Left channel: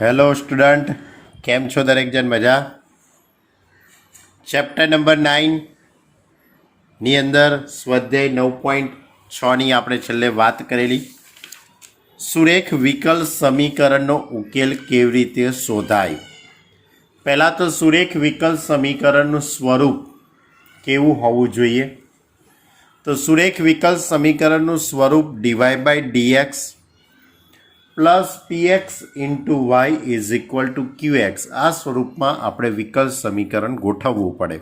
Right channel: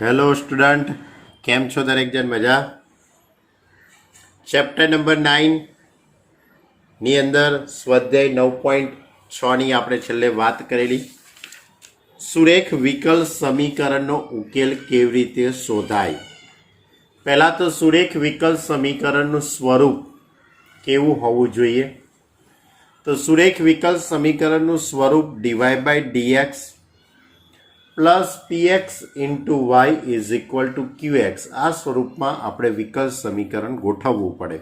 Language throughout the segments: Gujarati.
હેલો સ્ટુડન્ટ, કેમ છો દરેક જણ? મજા? ચેપ્ટર નંબર 9ની અંદર સ્વાધ્યાય 9.6ની આપણે છેલ્લે વાત કરેલી. સુરેખ વિકલ સમીકરણનો ઉકેલ કેવી રીતે શોધાય? પહેલાં તો સુરેખ વિકલ સમીકરણનું સ્વરૂપ કેવું હોવું જોઈએ? તો સુરેખ વિકલ સમીકરણનું સ્વરૂપ dy/dx plus px into y is equal to qx, આ સ્વરૂપમાં આપણે વિકલ સમીકરણ ગોઠવવું પડે.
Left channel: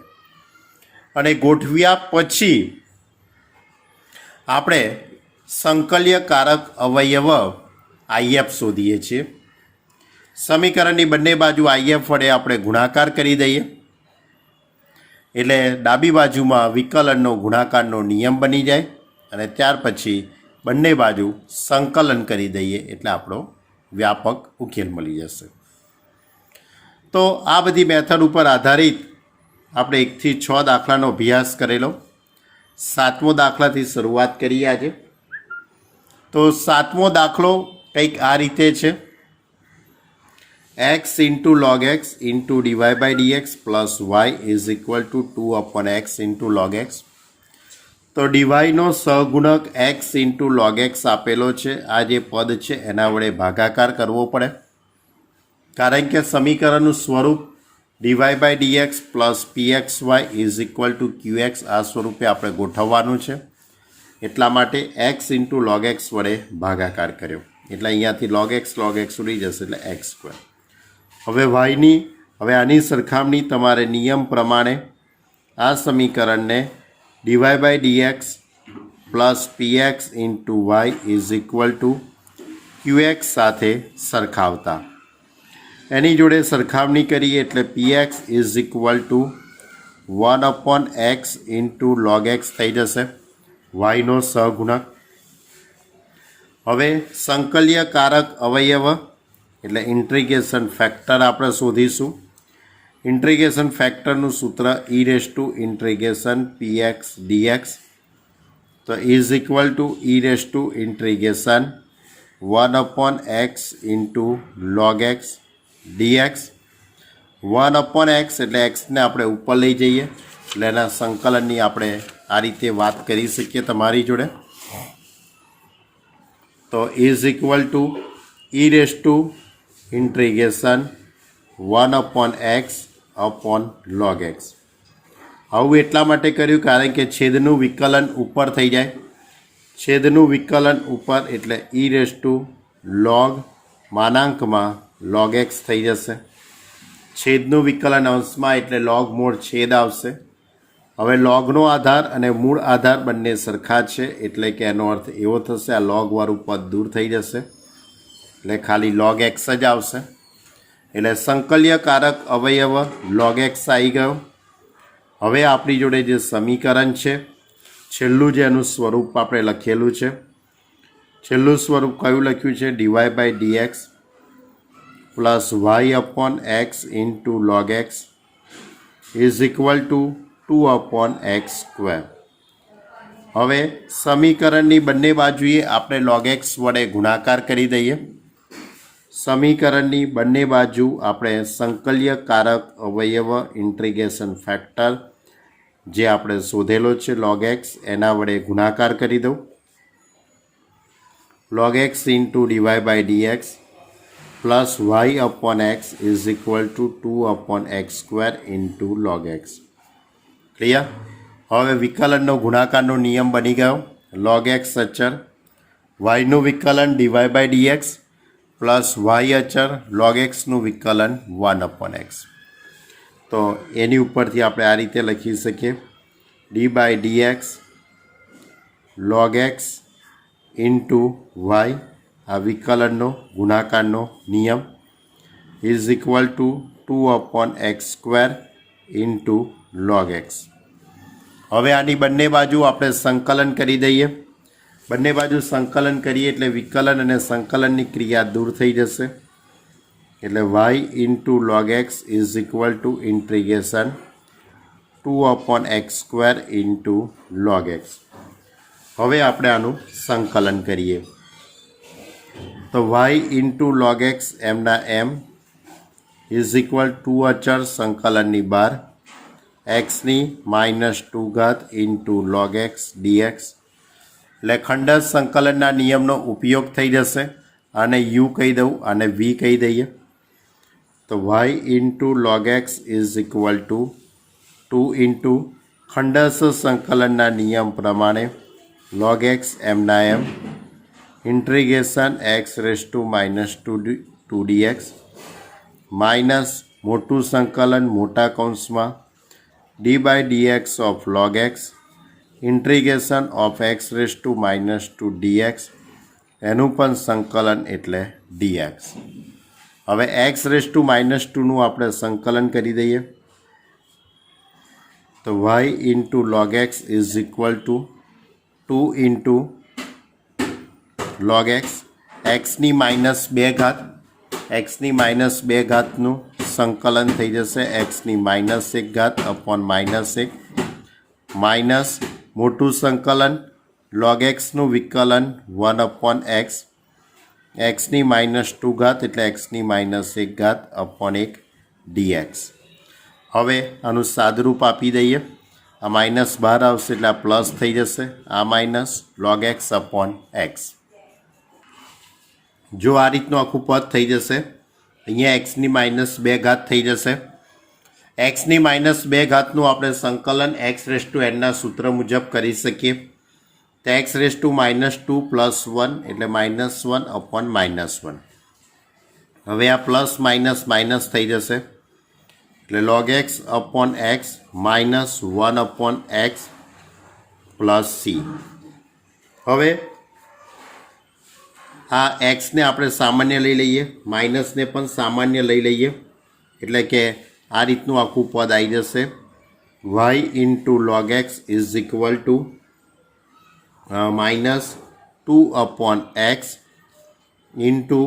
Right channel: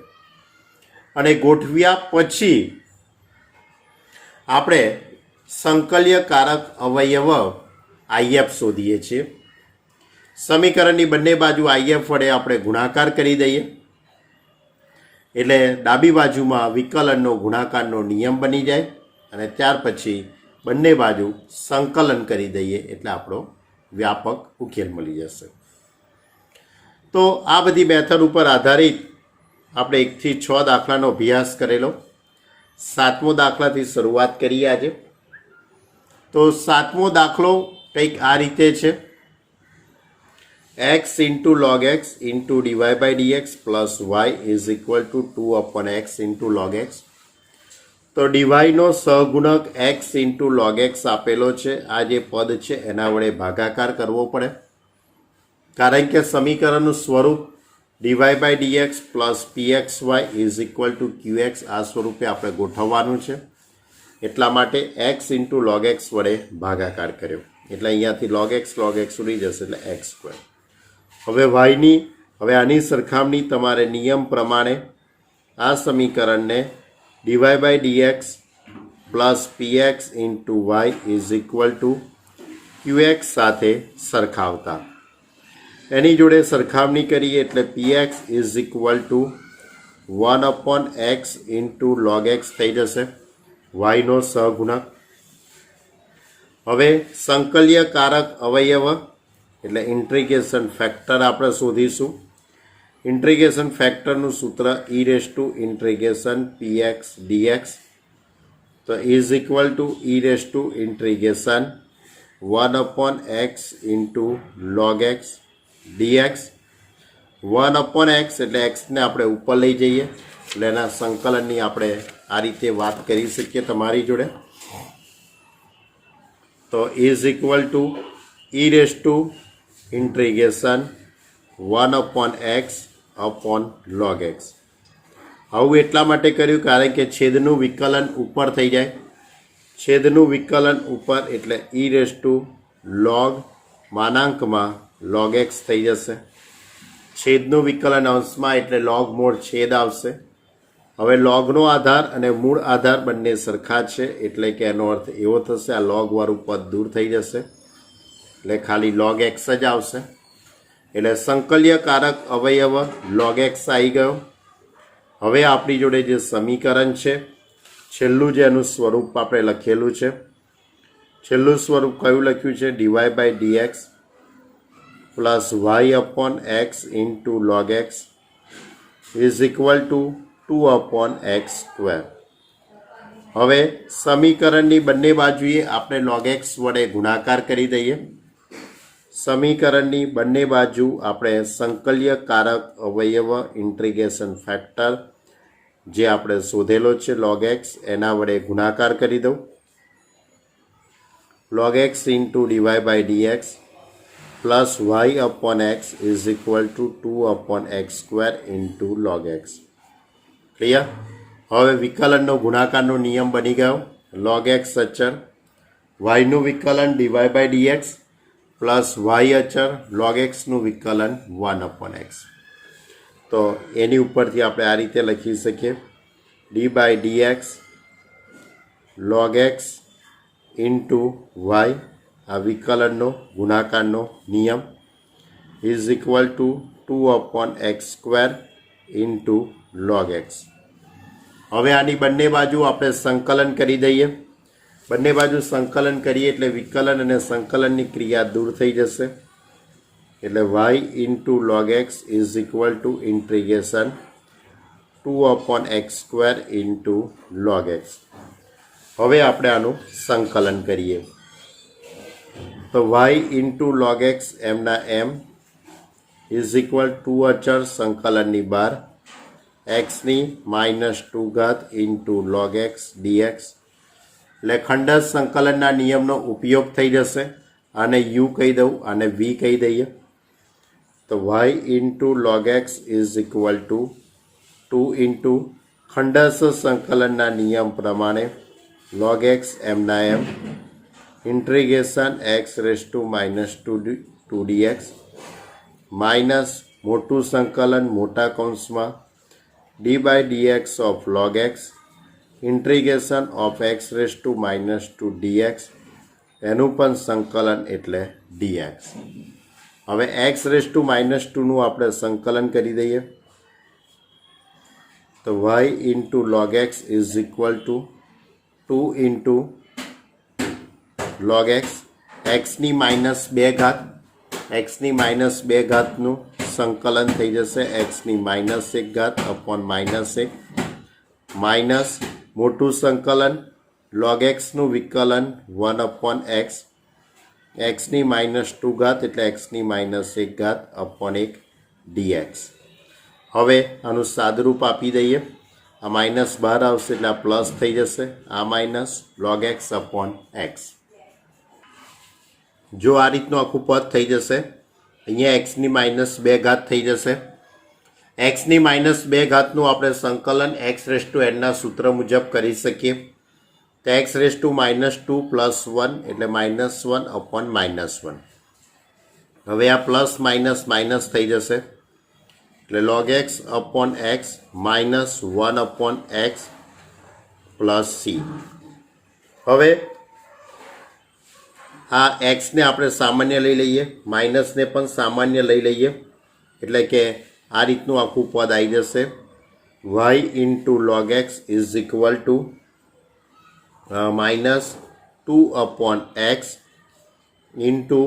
અને ગોઠવ્યા પછી આપણે સંકલ્યકારક અવયવ if શોધીએ છીએ. સમીકરણની બંને બાજુ if વડે આપણે ગુણાકાર કરી દઈએ એટલે ડાબી બાજુમાં વિકલનનો ગુણાકારનો નિયમ બની જાય અને ત્યાર પછી બંને બાજુ સંકલન કરી દઈએ એટલે આપણો વ્યાપક ઉકેલ મળી જશે. તો આ બધી મેથડ ઉપર આધારિત આપણે 1 થી 6 દાખલાનો અભ્યાસ કરેલો. 7મો દાખલાથી શરૂઆત કરીએ આજે. તો 7મો દાખલો કંઈક આ રીતે છે: x into log x into dy/dx plus y is equal two 2/x into log x. તો ડીવાયનો સહગુણક x ઇન્ટુ log x આપેલો છે. આ જે પદ છે એના વડે ભાગાકાર કરવો પડે, કારણ કે સમીકરણનું સ્વરૂપ dy/dx plus pxy is equal to qx આ સ્વરૂપે આપણે ગોઠવવાનું છે. એટલા માટે x ઇન્ટુ log x વડે ભાગાકાર કર્યો એટલે અહીંયાથી log x ઉડી જશે એટલે x². હવે આની સરખામણી તમારે નિયમ પ્રમાણે આ સમીકરણને dy/dx plus px into y is equal to qx સાથે સરખાવતા એની જોડે સરખામણી કરીએ એટલે px is equal to 1/x into log x થઈ જશે, વાયનો સહગુણક. હવે સંકલ્યકારક અવયવ એટલે ઇન્ટિગ્રેશન ફેક્ટર આપણે શોધીશું. ઇન્ટિગ્રેશન ફેક્ટરનું સૂત્ર e⁻∫ px dx, તો is equal to e⁻∫ 1/x into log x dx. 1/x એટલે xને આપણે ઉપર લઈ જઈએ એટલે એના સંકલનની આપણે આ રીતે વાત કરી શકીએ તમારી જોડે. તો is equal to e⁻∫ 1/x upon log x. આવું એટલા માટે કર્યું કારણ કે છેદનું વિકલન ઉપર થઈ જાય. છેદનું વિકલન ઉપર એટલે e⁻log x થઈ જશે. છેદનું વિકલન અંશમાં એટલે log મૂળ છેદ આવશે. હવે લોગનો આધાર અને મૂળ આધાર બંને સરખા છે એટલે કે એનો અર્થ એવો થશે આ લોગવાળું પદ દૂર થઈ જશે એટલે ખાલી log x જ આવશે. એટલે સંકલ્યકારક અવયવ log x આવી ગયો. હવે આપણી જોડે જે સમીકરણ છે છેલ્લું જે એનું સ્વરૂપ આપણે લખેલું છે, છેલ્લું સ્વરૂપ કયું લખ્યું છે? dy/dx plus y/x into log x is equal two 2/x². હવે સમીકરણની બંને બાજુએ આપણે log x વડે ગુણાકાર કરી દઈએ. સમીકરણની બંને બાજુ આપણે સંકલ્યકારક અવયવ ઇન્ટિગ્રેશન ફેક્ટર જે આપણે શોધેલો છે log x એના વડે ગુણાકાર કરી દઉં. log x into dy/dx plus y/x is equal two 2/x² into log x. Clear? હવે વિકલનનો ગુણાકારનો નિયમ બની ગયો. log x અચળ, yનું વિકલન dy/dx પ્લસ y અચળ log xનું વિકલન 1/x. તો એની ઉપરથી આપણે આ રીતે લખી શકીએ d/dx log x into y, આ વિકલનનો ગુણાકારનો નિયમ is equal two 2/x² into log x. હવે આની બંને બાજુ આપણે સંકલન કરી દઈએ. બંને બાજુ સંકલન કરીએ એટલે વિકલન અને સંકલનની ક્રિયા દૂર થઈ જશે એટલે y into log x is equal to integration 2/x² into log x. હવે આપણે આનું સંકલન કરીએ તો y ઇન્ટુ log x એમના એમ ઇઝ ઇક્વલ ટુ અચળ સંકલનની બાર એક્સની -2 ઘાત ઇન્ટુ log x dx એટલે ખંડસ સંકલનના નિયમનો ઉપયોગ થઈ જશે અને u કહી દઉં અને v કહી દઈએ તો y into log x is equal to 2 into ખંડસ સંકલનના નિયમ પ્રમાણે log x એમના એમ integration x raise to -2 dx minus મોટું સંકલન મોટા કૌંસમાં d by dx of log x integration of x raise to -2 dx એનું પણ સંકલન એટલે dx. હવે x રેઝ ટુ -2નું આપણે સંકલન કરી દઈએ તો y into log x is equal to 2 into log x એક્સની -2 ઘાત એક્સની -2 ઘાતનું સંકલન થઈ જશે એક્સની -1 ઘાત અપોન -1 માઇનસ મોટું સંકલન log xનું વિકલન 1 અપોન એક્સ એક્સની -2 ઘાત એટલે એક્સની -1 ઘાત અપોન 1 dx. હવે આનું સાદરૂપ આપી દઈએ આ માઇનસ બહાર આવશે એટલે આ પ્લસ થઈ જશે આ minus log x upon x. જો આ રીતનું આખું પદ થઈ જશે અહીંયા એક્સની -2 ઘાત થઈ જશે એક્સની -2 ઘાતનું આપણે સંકલન એક્સ રેઝ ટુ એનના સૂત્ર મુજબ કરી શકીએ તો એક્સ રેઝ ટુ -2 પ્લસ 1 એટલે -1 અપોન -1. હવે આ પ્લસ માઇનસ માઇનસ થઈ જશે એટલે log x upon x -1 upon x plus C. હવે આ એક્સને આપણે સામાન્ય લઈ લઈએ માઇનસને પણ સામાન્ય લઈ લઈએ એટલે કે આ રીતનું આખું પદ આવી જશે y into log x is equal to -2 upon x into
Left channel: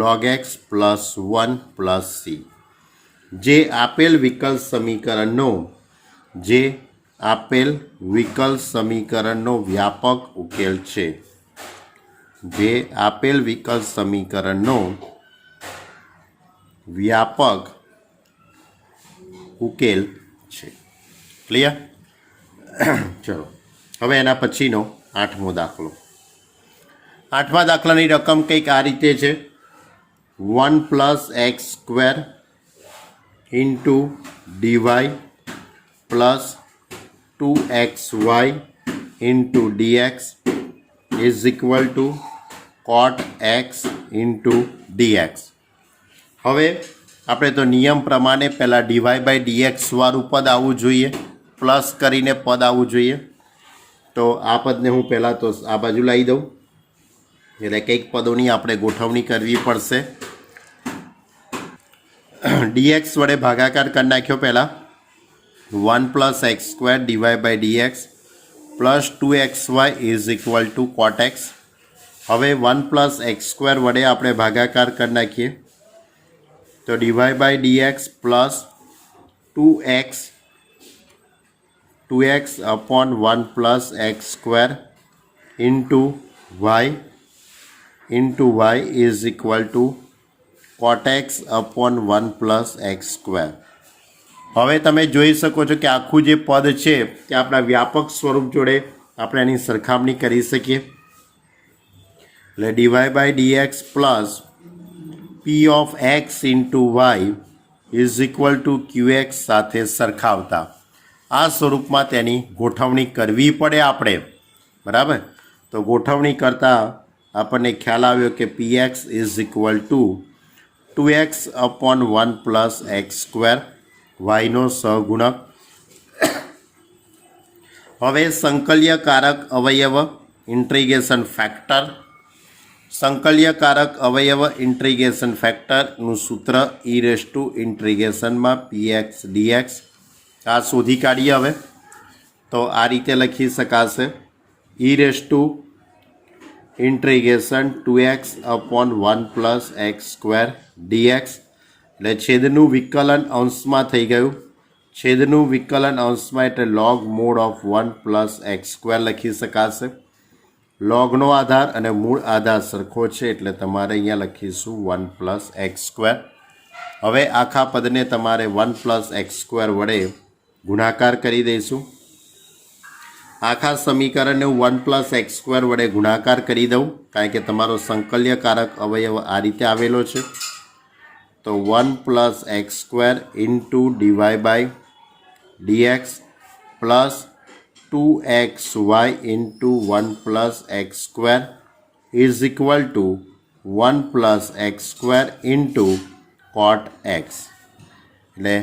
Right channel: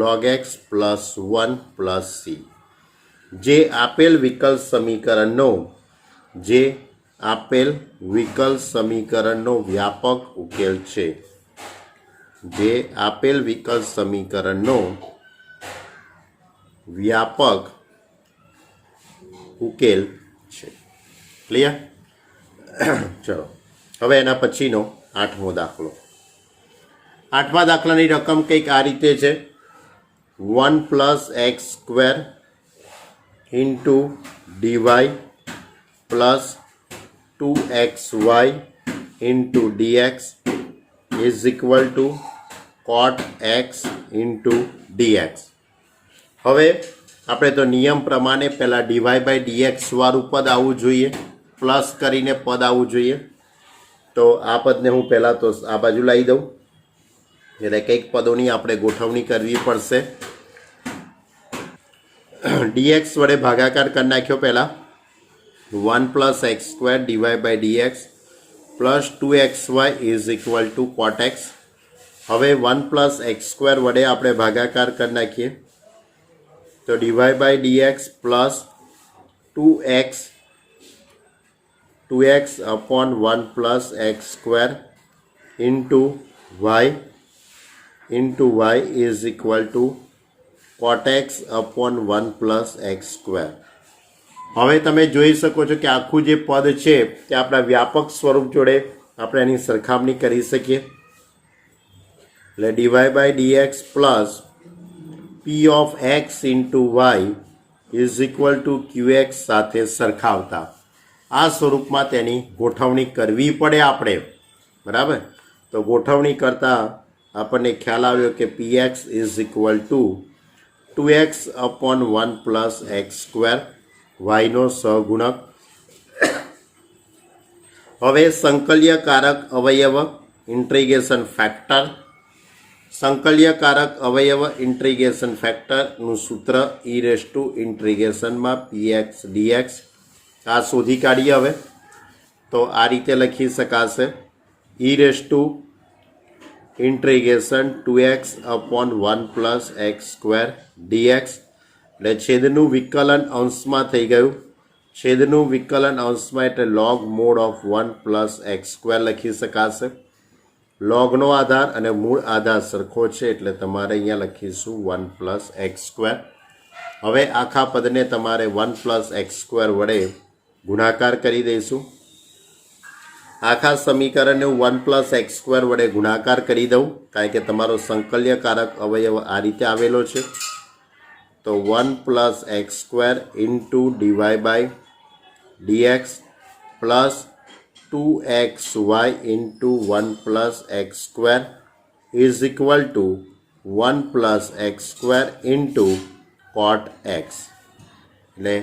log x plus 1 plus C. જે આપેલ વિકલ સમીકરણનો વ્યાપક ઉકેલ છે જે આપેલ વિકલ સમીકરણનો વ્યાપક ઉકેલ છે. ક્લિયર? ચલો હવે એના પછીનો 8મો દાખલો. 8મા દાખલાની રકમ કંઈક આ રીતે છે 1 plus x square into d y plus 2xy into d x is equal to cot x into dx. હવે આપણે તો નિયમ પ્રમાણે પહેલાં ડીવાય બાય ડીએક્સ વાળું પદ આવવું જોઈએ પ્લસ કરીને પદ આવવું જોઈએ તો આ પદને હું પહેલાં તો આ બાજુ લાવી દઉં એટલે કંઈક પદોની આપણે ગોઠવણી કરવી પડશે. dx વડે ભાગાકાર કરી નાખ્યો પહેલાં 1 plus x square d y by d x plus 2xy is equal to cot x. હવે 1 પ્લસ એક્સ સ્ક્વેર વડે આપણે ભાગાકાર કરી નાખીએ તો DY by d x plus 2x upon 1 plus x square into y is equal to cot x upon 1 plus x square. હવે તમે જોઈ શકો છો કે આખું જે પદ છે તે આપણા વ્યાપક સ્વરૂપ જોડે આપણે એની સરખામણી કરી શકીએ એટલે d y by d x plus P of x into y is equal to q x સાથે સરખાવતા આ સ્વરૂપમાં તેની ગોઠવણી કરવી પડે આપણે બરાબર. તો ગોઠવણી કરતાં આપણને ખ્યાલ આવ્યો કે p x is equal to 2x upon 1 plus x square વાયનો સહગુણક. હવે સંકલ્યકારક અવયવ ઇન્ટિગ્રેશન ફેક્ટરનું સૂત્ર ઈ રેઝ ટુ ઇન્ટિગ્રેશનમાં px dx આ શોધી કાઢીએ. હવે તો આ રીતે લખી શકાશે ઈ raise to integration 2x upon 1 plus x square dx એટલે છેદનું વિકલન અંશમાં થઈ ગયું છેદનું વિકલન અંશમાં એટલે log mod of 1 plus x square લખી શકાશે લોગનો આધાર અને મૂળ આધાર સરખો છે એટલે તમારે અહીંયા લખીશું 1 પ્લસ એક્સ સ્ક્વેર. હવે આખા પદને તમારે 1 પ્લસ એક્સ સ્ક્વેર વડે ગુણાકાર કરી દઈશું. આખા સમીકરણને હું 1 પ્લસ એક્સ સ્ક્વેર વડે ગુણાકાર કરી દઉં, કારણ કે તમારો સંકલ્યકારક અવયવ આ રીતે આવેલો છે. તો 1 plus x square into DY by d x plus 2xy into 1 plus x square is equal to 1 plus x square into cot x. એટલે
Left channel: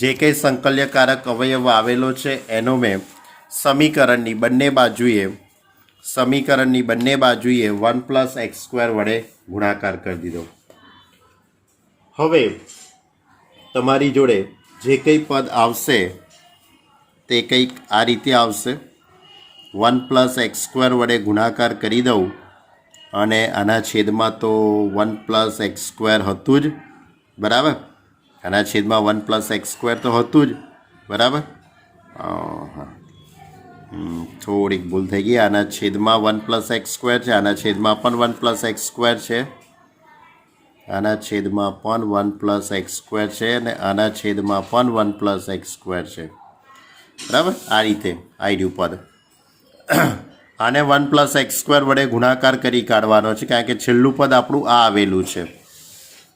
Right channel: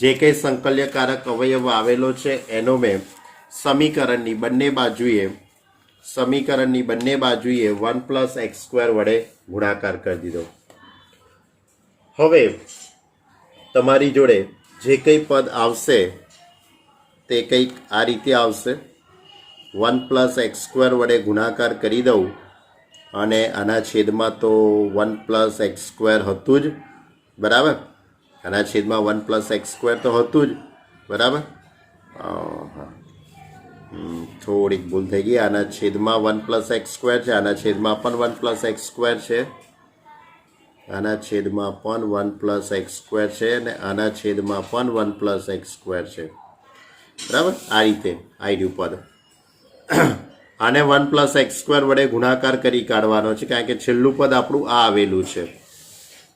જે કંઈ સંકલ્યકારક અવયવ આવેલો છે એનો મેં સમીકરણની બંને બાજુએ 1 પ્લસ એક્સ સ્ક્વેર વડે ગુણાકાર કરી દીધો. હવે તમારી જોડે જે કંઈ પદ આવશે તે કંઈક આ રીતે આવશે. 1 પ્લસ એક્સ સ્ક્વેર વડે ગુણાકાર કરી દઉં અને આના છેદમાં તો 1 પ્લસ એક્સ સ્ક્વેર હતું જ, બરાબર. આના છેદમાં 1 પ્લસ એક્સ સ્ક્વેર તો હતું જ, બરાબર. થોડીક ભૂલ થઈ ગઈ. આના છેદમાં 1 પ્લસ એક્સ સ્ક્વેર છે, આના છેદમાં પણ 1 પ્લસ એક્સ સ્ક્વેર છે, આના છેદમાં પણ 1 પ્લસ એક્સ સ્ક્વેર છે અને આના છેદમાં પણ 1 પ્લસ એક્સ સ્ક્વેર છે, બરાબર. આ રીતે આવ્યું પદ. આને 1 પ્લસ એક્સ સ્ક્વેર વડે ગુણાકાર કરી કાઢવાનો છે, કારણ કે છેલ્લું પદ આપણું આ આવેલું છે.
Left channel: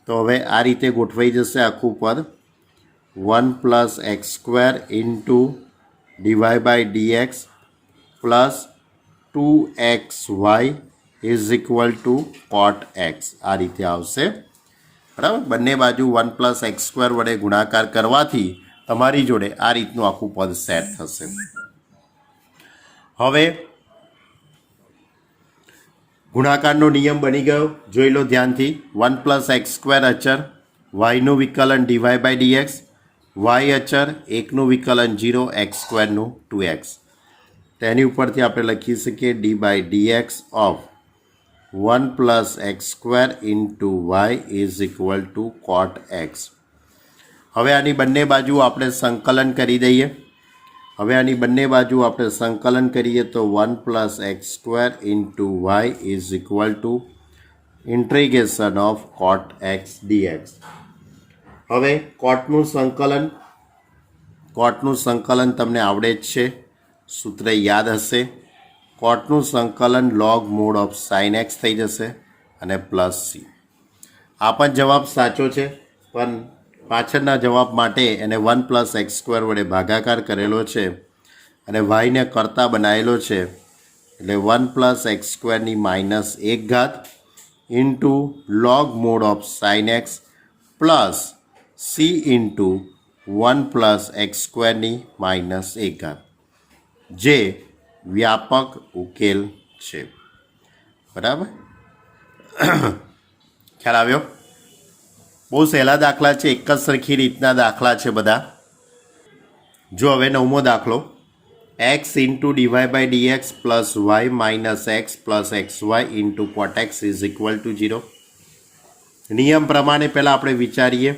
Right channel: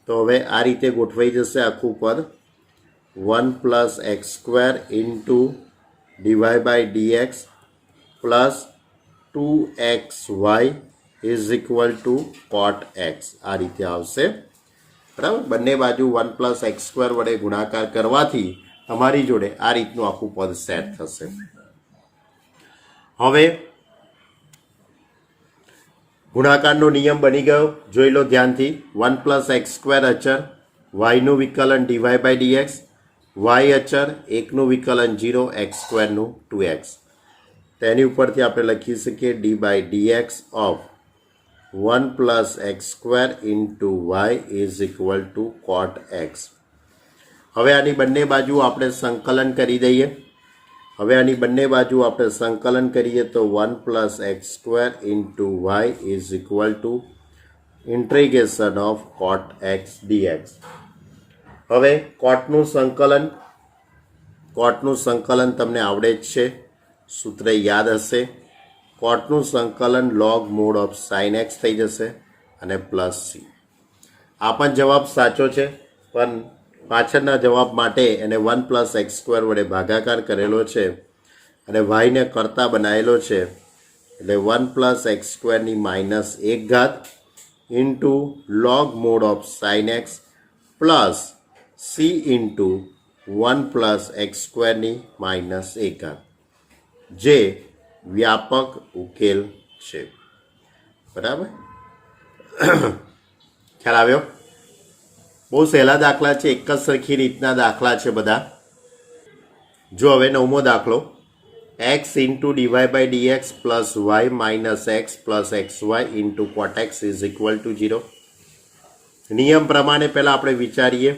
તો હવે આ રીતે ગોઠવાઈ જશે આખું પદ. 1 plus x square into DY by d x plus 2xy is equal to cot x. આ રીતે આવશે, બરાબર. બંને બાજુ 1 પ્લસ એક્સ સ્ક્વેર વડે ગુણાકાર કરવાથી તમારી જોડે આ રીતનું આખું પદ સેટ થશે. હવે ગુણાકારનો નિયમ બની ગયો, જોઈ લો ધ્યાનથી. 1 પ્લસ એક્સ સ્ક્વેર અચર, વાયનું વિકલન ડીવાય બાય ડીએક્સ, વાય અચર, 1નું વિકલન 0, એક્સ સ્ક્વેરનું 2x. તેની ઉપરથી આપણે લખી શકીએ d by d x of 1 plus x square into y is equal to cot x. હવે આની બંને બાજુ આપણે સંકલન કરી દઈએ. તો 1 plus x square into y is equal to integration of cot x d x. હવે કોટનું સંકલન તમને આવડે જ છે, સૂત્ર યાદ હશે. કોટનું સંકલન log mod of sine x થઈ જશે અને પ્લસ સી. આ પણ જવાબ સાચો છે, પણ પાછળના જવાબ માટે એને 1 પ્લસ એક્સ સ્ક્વેર વડે ભાગાકાર કરેલો છે અને વાયને કરતા બનાવેલો છે, એટલે 1 પ્લસ એક્સ સ્ક્વેરની -1 into log mod of sine x plus c into 1 plus x સ્ક્વેરની -1, જે વ્યાપક ઉકેલ છે, બરાબર. ખ્યાલ આવ્યો? બહુ સહેલા દાખલા છે, એક જ સરખી રીતના દાખલા છે બધા. જો હવે 9મો દાખલો, x into DY by d x plus y minus x plus x y into cot x is equal to 0. નિયમ પ્રમાણે પહેલાં આપણે વિચારીએ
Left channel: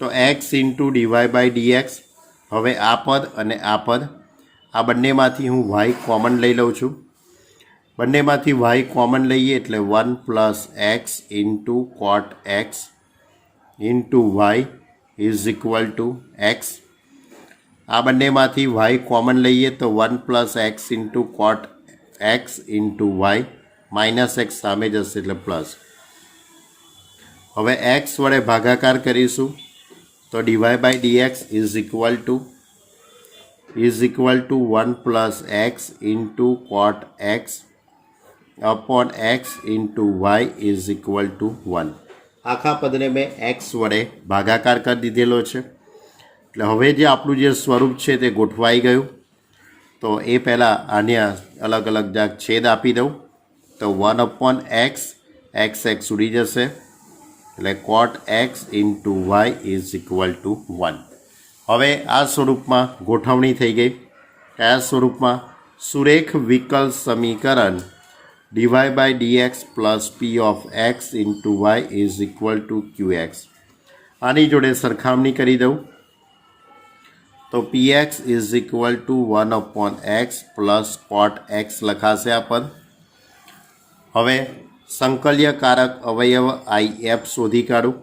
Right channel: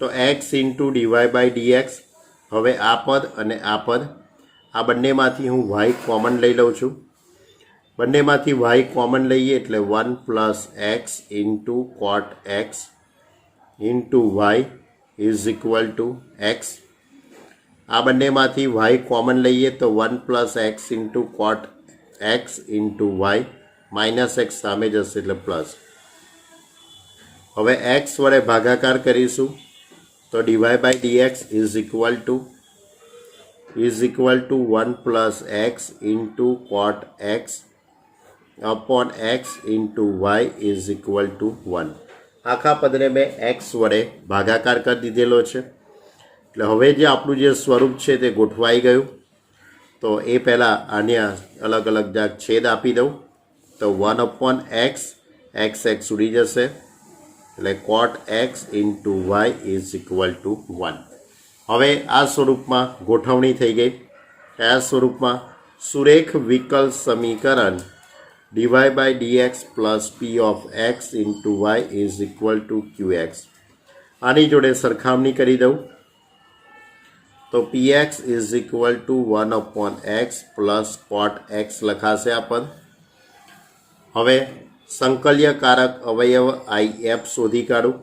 તો x into DY by d x. હવે આ પદ અને આ પદ, આ બંનેમાંથી હું વાય કોમન લઈ લઉં છું. બંનેમાંથી વાય કોમન લઈએ એટલે 1 plus x into cot x into y is equal to x. આ બંનેમાંથી વાય કોમન લઈએ તો 1 plus x into cot x into y, minus x સામે જશે એટલે પ્લસ. હવે એક્સ વડે ભાગાકાર કરીશું તો DY by dx is equal to 1 plus x into cot x upon x into y is equal to 1. આખા પદને મેં એક્સ વડે ભાગાકાર કરી દીધેલો છે, એટલે હવે જે આપણું જે સ્વરૂપ છે તે ગોઠવાઈ ગયું. તો એ પહેલાં આને અલગ અલગ છેદ આપી દઉં તો 1 અપોન એક્સ, એક્સ ઉડી જશે એટલે cot x into y is equal to 1. હવે આ સ્વરૂપમાં ગોઠવણી થઈ ગઈ. કયા સ્વરૂપમાં? સુરેખ વિકલ સમીકરણ d y by d x plus P of x into y is equal to q x. આની જોડે સરખામણી કરી દઉં તો p x is equal to 1 upon x plus cot x લખાશે આ પદ. હવે સંકલ્યકારક અવયવ IF શોધી કાઢું.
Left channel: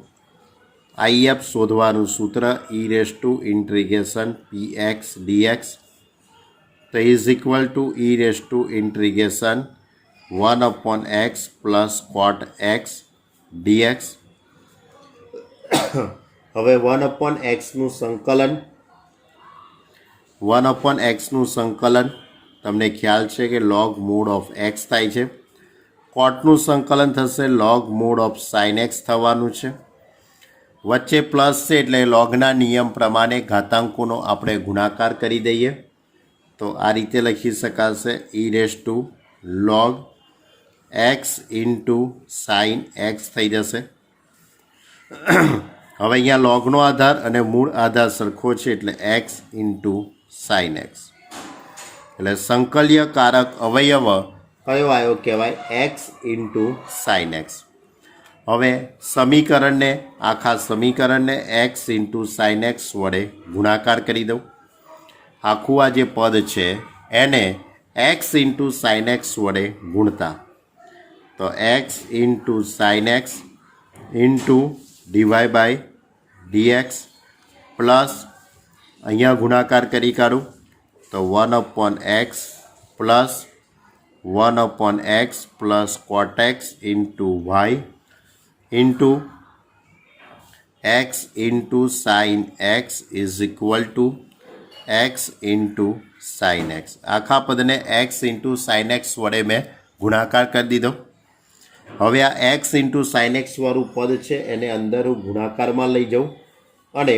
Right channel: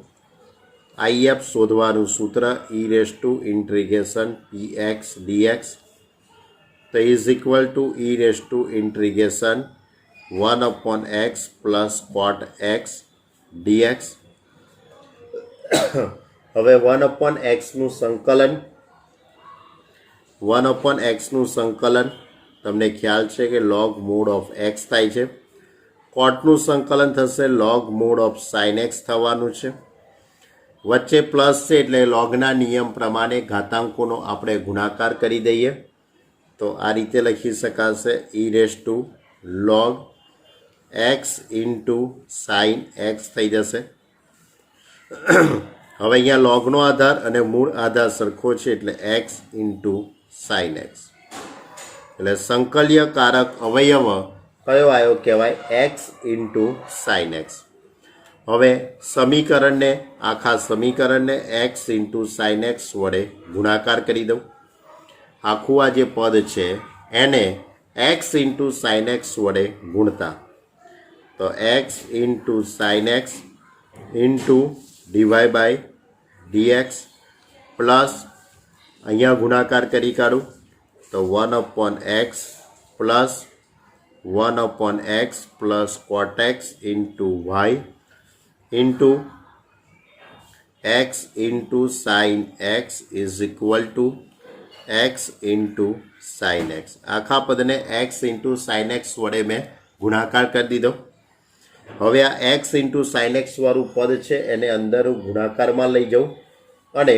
IF શોધવાનું સૂત્ર e⁻∫px dx તો is equal two e⁻∫1/x plus cot x dx. હવે 1/xનું સંકલન તમને ખ્યાલ છે કે log mod of x થાય છે. કોટનું સંકલન થશે log mod of sin x થવાનું છે. વચ્ચે પ્લસ છે એટલે લોગના નિયમ પ્રમાણે ઘાતાંકોનો આપણે ગુણાકાર કરી દઈએ તો આ રીતે લખી શકાશે e⁻log x into sine x થઈ જશે. હવે અહીંયા લોગનો આધાર અને મૂળ આધાર સરખો છે એટલે એક્સ ઇન્ટુ સાઇન એક્સ એટલે સંકલ્યકારક અવયવ કયો આવ્યો કહેવાય એક્સ ઇન્ટુ સાઇન એક્સ. હવે આખા સમીકરણને એક્સ ઇન્ટુ સાઇન એક્સ વડે ગુણાકાર કરી દઉં. આખું આ જે પદ છે એને એક્સ ઇન્ટુ સાઇન એક્સ વડે ગુણતા તો x into sine x into DY by d x plus અહીંયા ગુણાકાર કરી કાઢું તો 1/x plus 1/x plus cot x into y into x into sine x is equal to x into sine x. આખા પદને x ઇન્ટુ સાઇન એક્સ વડે મેં ગુણાકાર કરી દીધો. હવે આ x ઇન્ટુ સાઇન એક્સ વાળું પદ છે એને અંદર ગુણાકારમાં લઈ જાઉં અને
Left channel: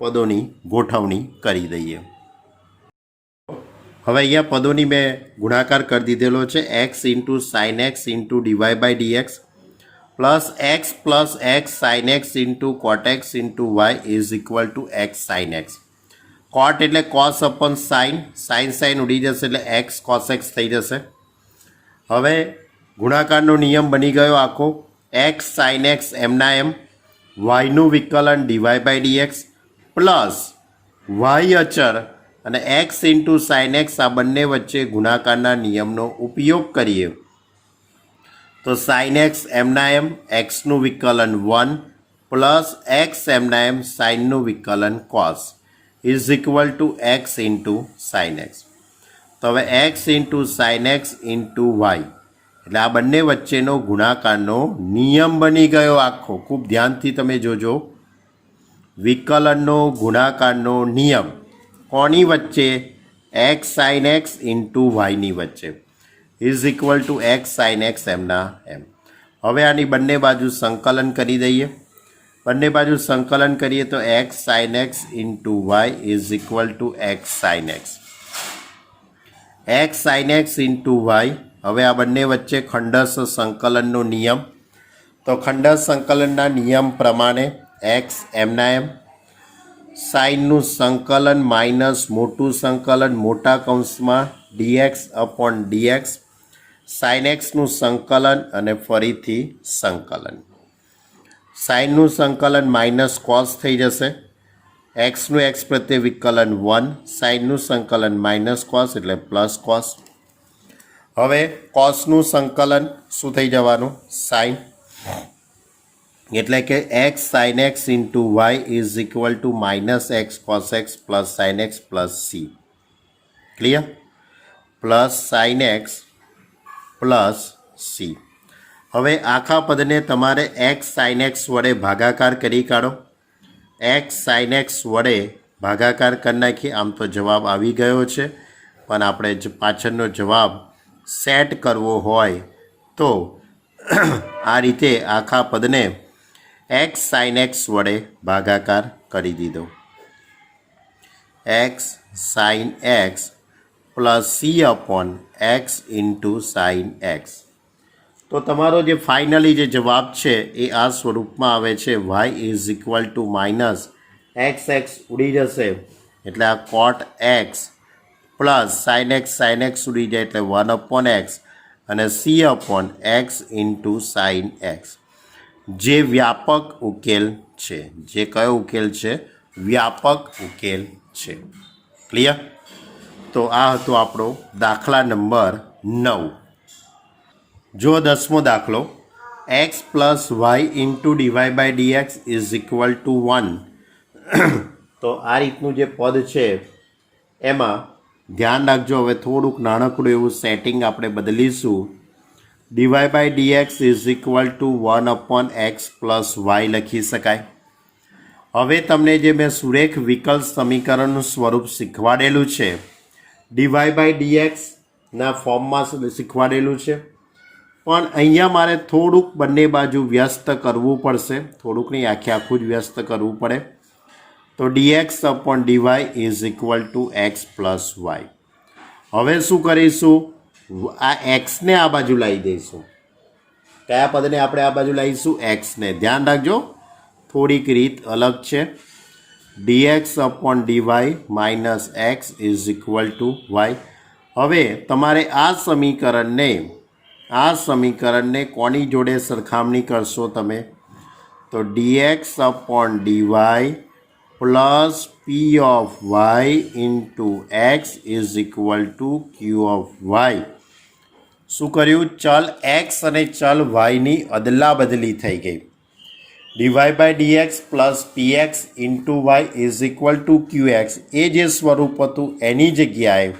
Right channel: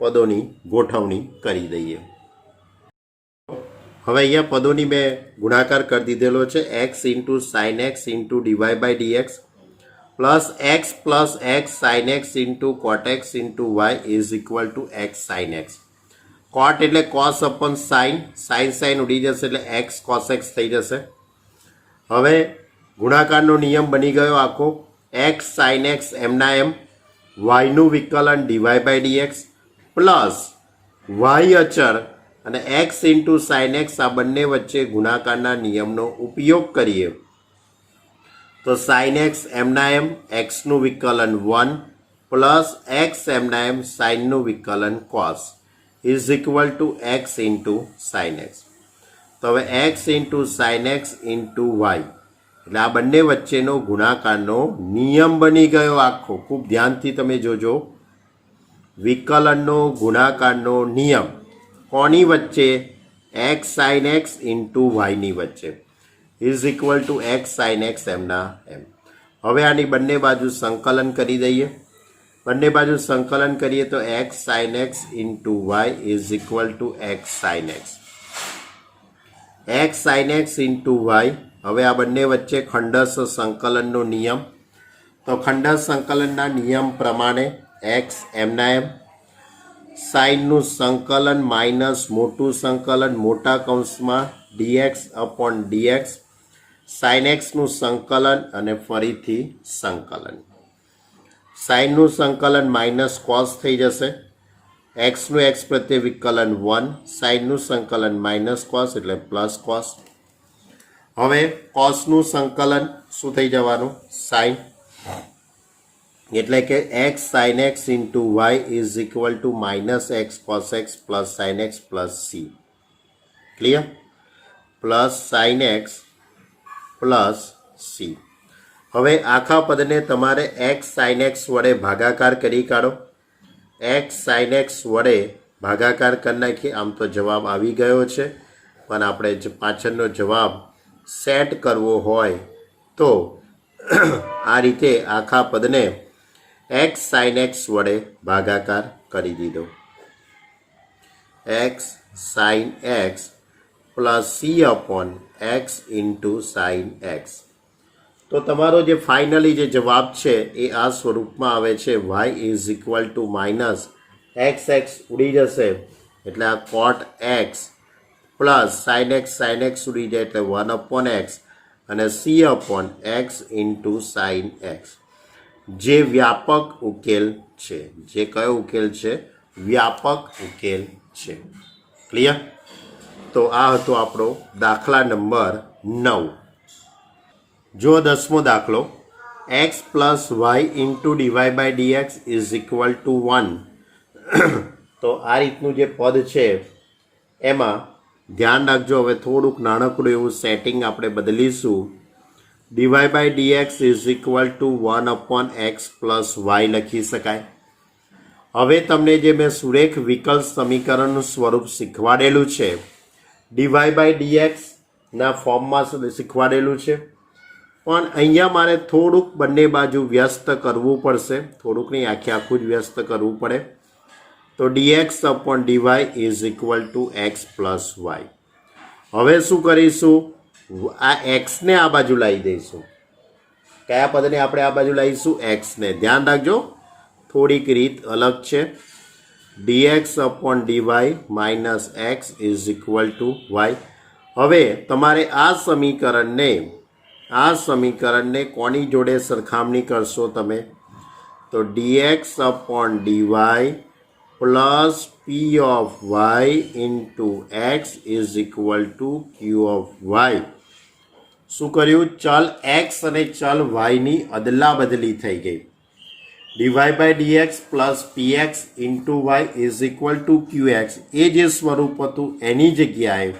પદોની ગોઠવણી કરી દઈએ. હવે અહીંયા પદોની મેં ગુણાકાર કરી દીધેલો છે x into sine x into DY by d x plus x sine x into cot x into y is equal to x sine x. Cot એટલે કોસ અપન સાઇન ઉડી જશે એટલે એક્સ કોસ એક્સ થઈ જશે. હવે ગુણાકારનો નિયમ બની ગયો આખો એક્સ સાઇન એક્સ એમના એમ વાયનું વિકલન DY by d x plus y અચર અને એક્સ ઇન્ટુ સાઇન એક્સ આ બંને વચ્ચે ગુણાકારના નિયમનો ઉપયોગ કરીએ તો સાઇન એક્સ એમના એમ એક્સનું વિકલન 1 પ્લસ એક્સ એમના એમ સાઇનનું વિકલન cos is equal to x into sine x. તો હવે x into sine x into y એટલે આ બંને વચ્ચેનો ગુણાકારનો નિયમ બની ગયો આખો. ખૂબ ધ્યાનથી તમે જોજો. વિકલનનો ગુણાકારનો નિયમ કોની વચ્ચે એક્સ સાઇન એક્સ ઇન્ટુ વાયની વચ્ચે is equal to x sine x એમના એમ. હવે આની બંને બાજુ સંકલન કરી દઈએ. બંને બાજુ સંકલન કરીએ તો x sine x into y is equal to x sine x. X sine x into y હવે આ બંને વચ્ચે ખંડસ સંકલનનો નિયમ તો ખંડસ સંકલનના નિયમ પ્રમાણે એક્સ એમના એમ સાઇનનું સંકલન માઇનસ મોટું સંકલન મોટા કૌંસમાં ડીએક્સ અપોન ડીએક્સ સાઇન એક્સનું સંકલન અને ફરીથી સંકલન. સાઇનનું સંકલન માઇનસ કોસ થઈ જશે. એક્સનું એક્સ પ્રત્યે વિકલન 1 સાઇનનું સંકલન માઇનસ કોસ એટલે પ્લસ કોસ. હવે કોસનું સંકલન શું થઈ જવાનું સાઇન એટલે કે x sine x into y is equal to minus x cos x plus sine x plus C. Clear? Plus sine x plus C. હવે આખા પદને તમારે એક્સ સાઇન એક્સ વડે ભાગાકાર કરી કાઢો. એક્સ સાઇન એક્સ વડે ભાગાકાર કરી નાખી. આમ તો જવાબ આવી ગયો છે પણ આપણે પાછળનો જવાબ સેટ કરવો હોય તો આ રીતે આખા પદને એક્સ સાઇન એક્સ વડે ભાગાકાર કરી દીધો. X sine x plus C upon x into sine x. તો તમારો જે ફાઇનલી જે જવાબ છે એ આ સ્વરૂપમાં આવે છે y is equal to minus x ઉડી જશે એટલે આ cot x plus sine x ઉડી જાય એટલે 1/x અને C upon x into sine x જે વ્યાપક ઉકેલ છે. જે કયો ઉકેલ છે? વ્યાપક ઉકેલ છે. ક્લિયર? તો આ હતો આપણો દાખલા નંબર 9. જો 10મો દાખલો x plus y into DY by dx is equal to 1. તો આ રીતનું જે પદ છે એમાં ધ્યાન રાખજો, હવે થોડુંક નાનકડું એવું સેટિંગ આપણે બદલીશું. D y by dx is equal to 1/x plus y લખી શકાય. હવે તમને જે મેં સુરેખ વિકલ્પ સમીકરણનું સ્વરૂપ શીખવાડેલું છે, ડીવાય બાય ડીએક્સના ફોર્મમાં શીખવાડેલું છે, પણ અહીંયા મારે થોડુંક બંને બાજુ વ્યસ્ત કરવું પડશે, થોડુંક નહીં આખું જ વ્યસ્ત કરવું પડે. તો dx upon dy is equal to x plus y. હવે શું કરીશું, આ એક્સને આ બાજુ લાવી દઈશું. કયા પદને આપણે આ બાજુ લાવીશું? એક્સને. ધ્યાન રાખજો થોડીક રીત અલગ છે. dx upon dy minus x is equal to y. હવે તમારે આ સમીકરણને કોની જોડે સરખામણી કરશો તમે? તો dx upon dy plus P of y into x is equal to Q of y. શું કર્યું? ચલ એક્સ અને ચલ વાયની અદલા બદલી થઈ ગઈ. D y by d x plus p x into y is equal to q x. એ જે સ્વરૂપ હતું એની જગ્યાએ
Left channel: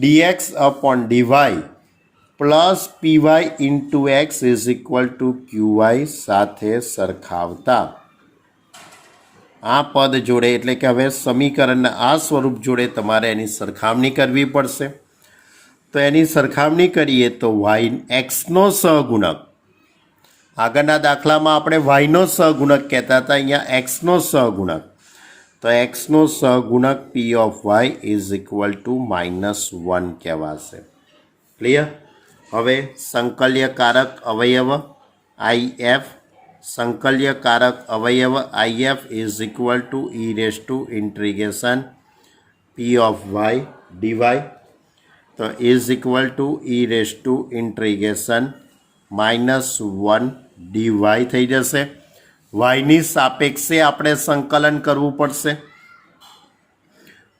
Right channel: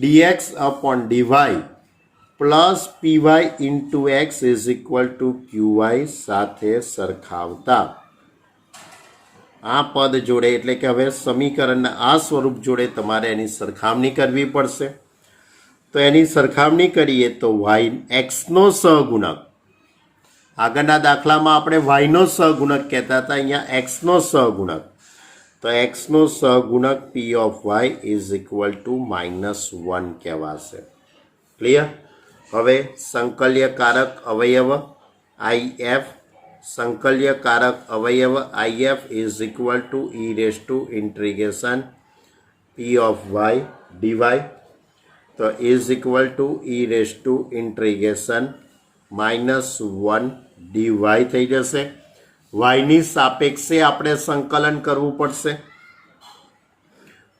d x upon DY plus p y into x is equal to q y સાથે સરખાવતા આ પદ જોડે, એટલે કે હવે સમીકરણના આ સ્વરૂપ જોડે તમારે એની સરખામણી કરવી પડશે. તો એની સરખામણી કરીએ તો વાય એક્સનો સહગુણક, આગળના દાખલામાં આપણે વાયનો સહગુણક કહેતા હતા, અહીંયા એક્સનો સહગુણક. તો એક્સનો સહગુણક P of y is equal to -1 કહેવાશે. ક્લિયર? હવે સંકલ્યકારક અવયવ IF, સંકલ્યકારક અવયવ IF is equal to e raise to integration p of y d y. તો is equal to e raise to integration -1 d y થઈ જશે. વાયની સાપેક્ષે આપણે સંકલન કરવું પડશે.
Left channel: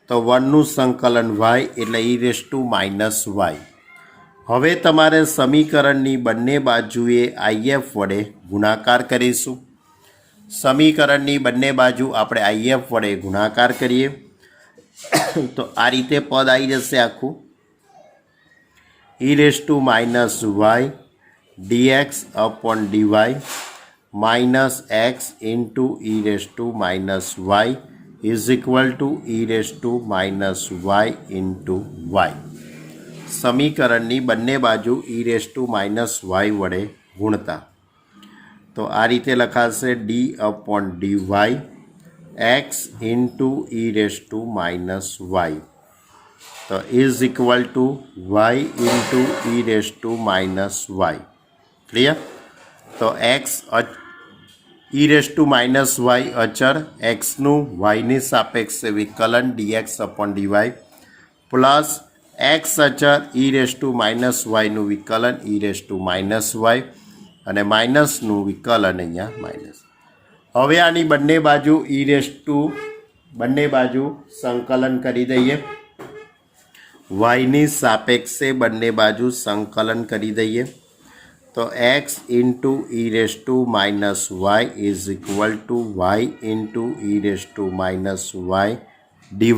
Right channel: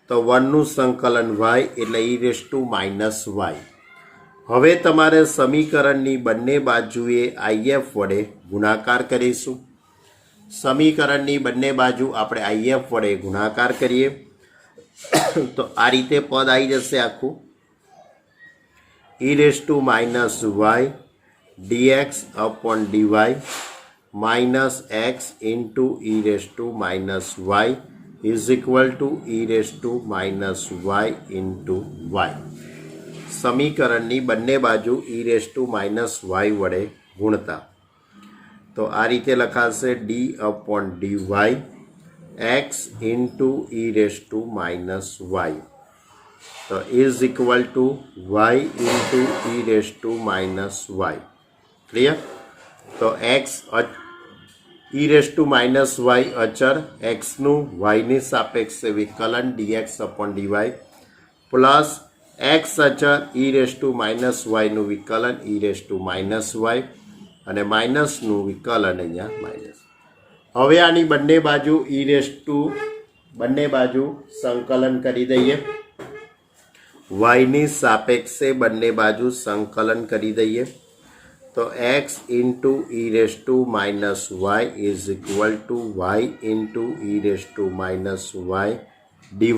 તો 1નું સંકલન વાય એટલે ઈ રેસ ટુ -વાય. હવે તમારે સમીકરણની બંને બાજુએ IF વડે ગુણાકાર કરીશું. સમીકરણની બંને બાજુ આપણે IF વડે ગુણાકાર કરીએ તો આ રીતે પદ આવી જશે આખું. E raise to -y dx upon dy minus x into e raised to minus y is equal to e raised to minus y into y. સમીકરણની બંને બાજુ e raised to minus y વડે ગુણતા તો આ રીતે લખાશે d upon dy x into e raised to minus y. તો is equal to y into e raised to minus y. Clear? તો x e raise to minus y અચર, એક્સનું વાયની સાપેક્ષે વિકલન dx upon DY plus x અચર ઈ રેસ ટુ માઇનસ વાયનું વિકલન e raise to minus y અને માઇનસનું વિકલન અહીંયા માઇનસ. હવે આની બંને બાજુ ઈ રેસ ટુ બંને બાજુ સંકલન કરી દઈએ. વાયની સાપેક્ષે બંને બાજુ સંકલન કરી દઈએ તો x into e raised to minus y is equal to y into e raised to minus y dy.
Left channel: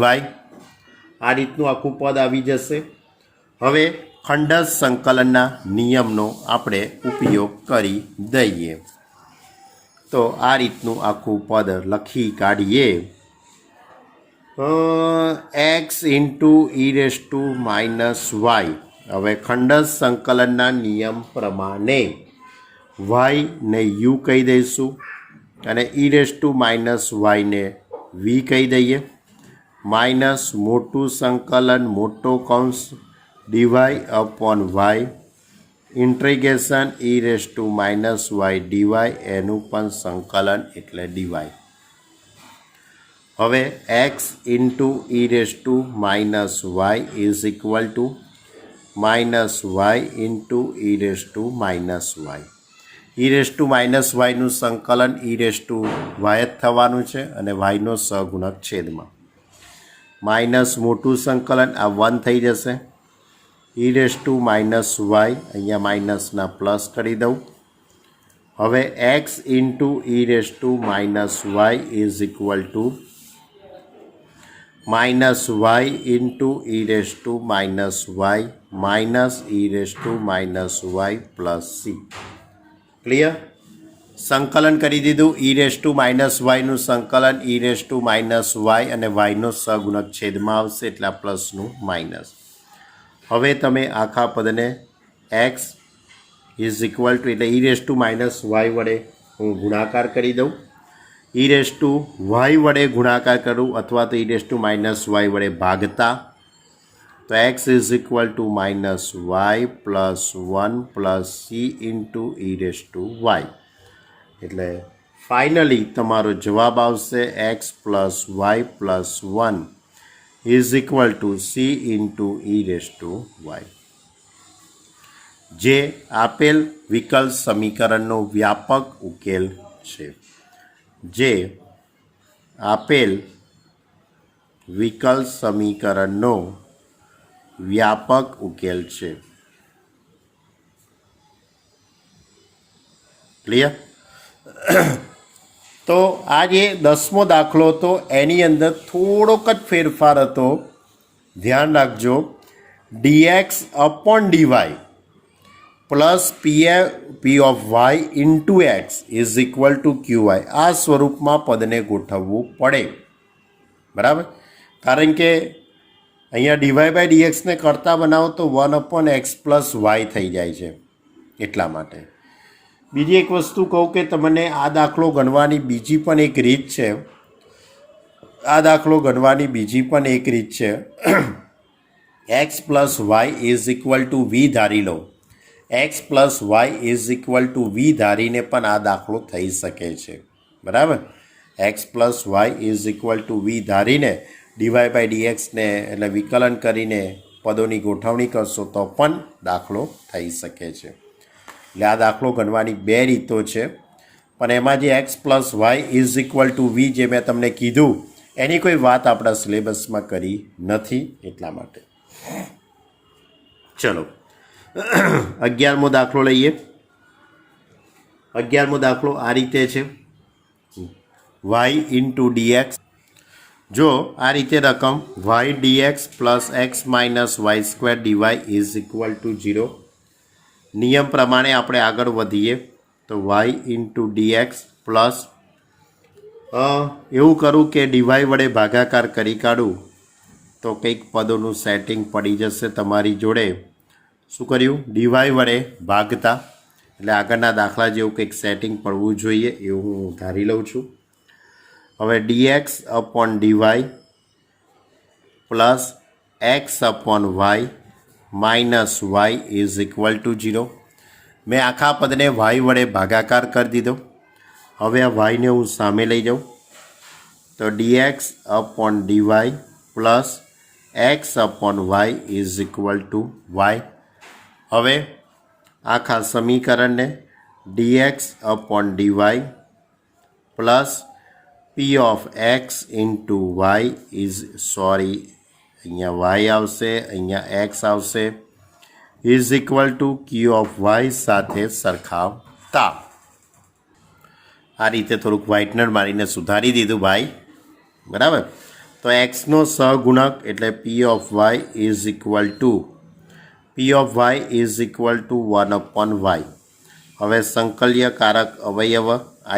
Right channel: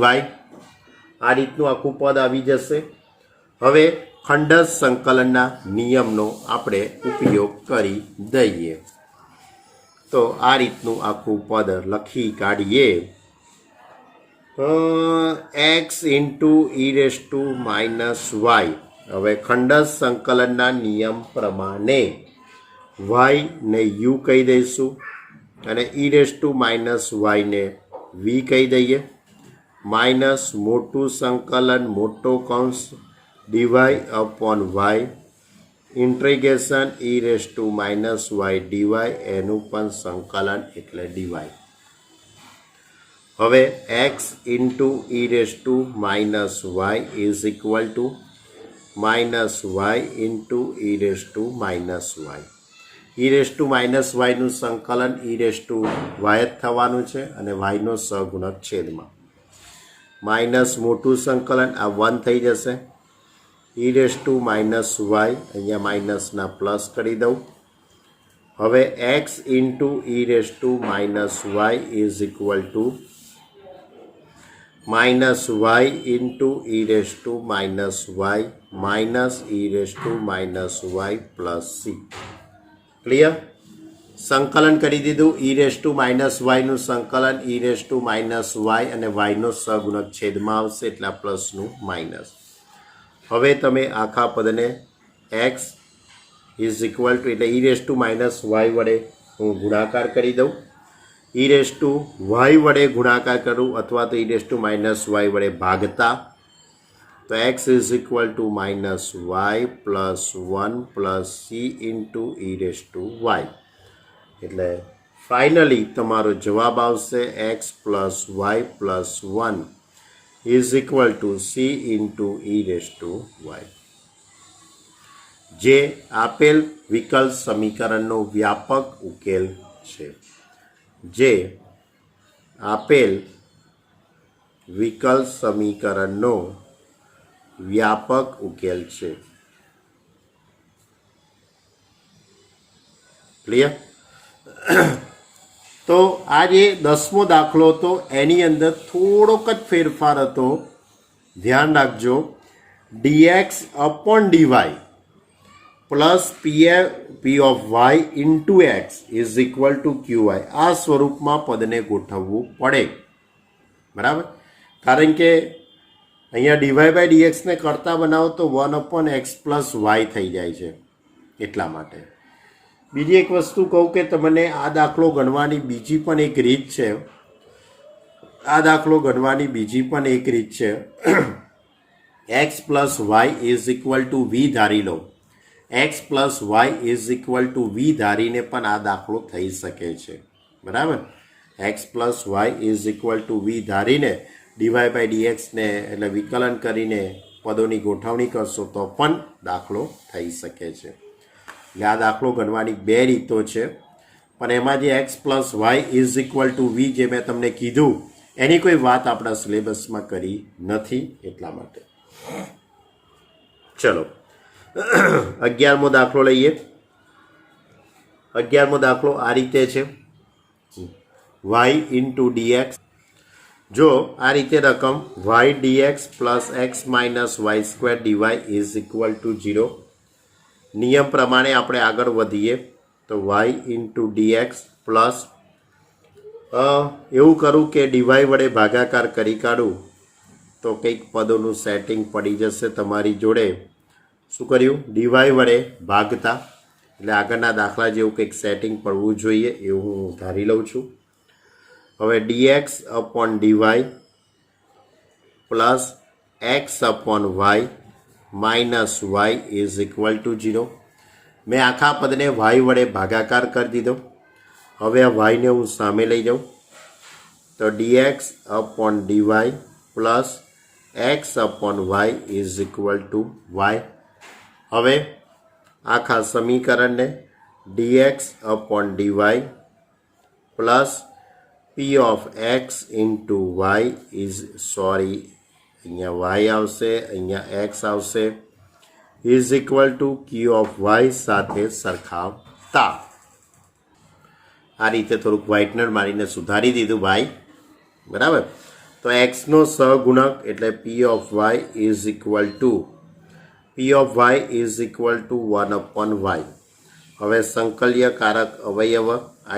આ રીતનું આખું પદ આવી જશે. હવે ખંડસ સંકલનના નિયમનો આપણે ઉપયોગ કરી દઈએ તો આ રીતનું આખું પદ લખી કાઢીએ. x into e raised to minus y. હવે ખંડસ સંકલનના નિયમ પ્રમાણે y ને u કહી દઈશું અને ઈ રેસ ટુ માઇનસ વાયને v કહી દઈએ. માઇનસ મોટું સંકલન મોટો કૌંસ d y upon y integration e raise to minus y d y, એનું પણ સંકલન એટલે ડીવાય. હવે x into e raise to minus y is equal to minus y into e raise to minus y. E raise to minus વાયનું સંકલન ઈ રેસ ટુ વાય જ થવાનું છે અને વાયનો સહગુણક છેદમાં. માઇનસ મોટું સંકલન આ 1 થઈ જશે e raise to minus y, અહીંયા માઇનસના પ્લસ કરી દઉં. હવે x into e raise to minus y is equal to minus y into e raise to minus y minus e raise to minus y plus C. Clear? સંકલન કરી દીધું. ઈ રેસ ટુ માઇનસ વાયનું સંકલન e raise to minus y અને વાયનો સહગુણક છેદમાં આવશે એટલે આ પ્લસનું માઇનસ. હવે તમે આખા પદને એક્સ ઇઝ ઇક્વલ ટુ એટલે e raise to minus y વડે હું ગુણાકાર કરી દઉં. ઈ રેસ ટુ વાય વડે ગુણાકાર કરું અથવા તો e raise to minus y વડે ભાગતા તો x is equal to minus y plus 1 plus c into e raise to y. એટલે ફાઇનલી તમારો જવાબ આવશે x plus y plus 1 is equal to c into e raise to y, જે આપેલ વિકલ્પ સમીકરણનો વ્યાપક ઉકેલ છે. જે આપેલ વિકલ્પ સમીકરણનો વ્યાપક ઉકેલ છે. ક્લિયર? તો આ જે 10મો દાખલો હતો એની અંદર થોડોક જ ફેરફાર હતો. ધ્યાન રાખજો. dx upon dy plus P of y into x is equal to q y. આ સ્વરૂપમાં પદને ગોઠવવું પડે. બરાબર? કારણ કે અહીંયા ડીવાય બાય ડીએક્સને કરતાં બનાવો તો 1/x પ્લસ વાય થઈ જાય છે. એટલા માટે બીજી એક વસ્તુ કહું કે તમને આ દાખલો ગણવાની બીજી પણ એક રીત છે. આ દાખલો ગણવાની બીજી પણ એક રીત છે. X plus y is equal to v ધારી લો. X plus y is equal to v ધારીને પણ આ દાખલો થઈ શકે છે. બરાબર? X plus y is equal to v ધારીને ડીવાય બાય ડીએક્સને એટલે વિકલન કરીને પદોની ગોઠવણી કરશો તો પણ દાખલો થઈ શકે છે. એટલે આ દાખલો ગણવાની બે રીતો છે. પણ એમાં જે x plus y is equal to v જે મેં તમને કીધું એની કોઈ વાત આપણા સિલેબસમાં કરી નથી. એટલા માટે ચલો 11મો દાખલો લઈએ. 11મો દાખલો આ રીતે છે. Y into dx. જો આ રીતે રકમ y dx plus x minus y square dy is equal to 0. નિયમ પ્રમાણે આપણે આગળ વધીએ તો વાય ઇન્ટુ ડીએક્સ પ્લસ એવું કરું કે ડીવાય વડે ભાગાકાર કરી કાઢું તો કંઈક પદોનું સેટિંગ પડી જશે તમારી જોડે. શું કર્યું? ડીવાય વડે ભાગતા એટલે આગળના દાખલા જેવું કંઈક સેટિંગ પડવું જોઈએ એવું હું ધારી લઉં છું. હવે dx upon DY plus x upon y minus y is equal to 0. મેં આખા પદને વાય વડે ભાગાકાર કરી દીધો. હવે આ વાયને હું સામે લઈ જાઉં તો dx upon DY plus x upon y is equal to y. હવે આખા સમીકરણને dx upon DY plus P of x into y is અહીંયા વાય આવશે, અહીંયા એક્સ આવશે is equal to Q of y સાથે સરખાવતા. આ રીતે થોડુંક વ્હાઇટનર મારીને સુધારી દીધું ભાઈ. બરાબર? તો એક્સનો સહગુણક એટલે p of y is equal to 1/y. હવે સંકલ્યકારક અવયવ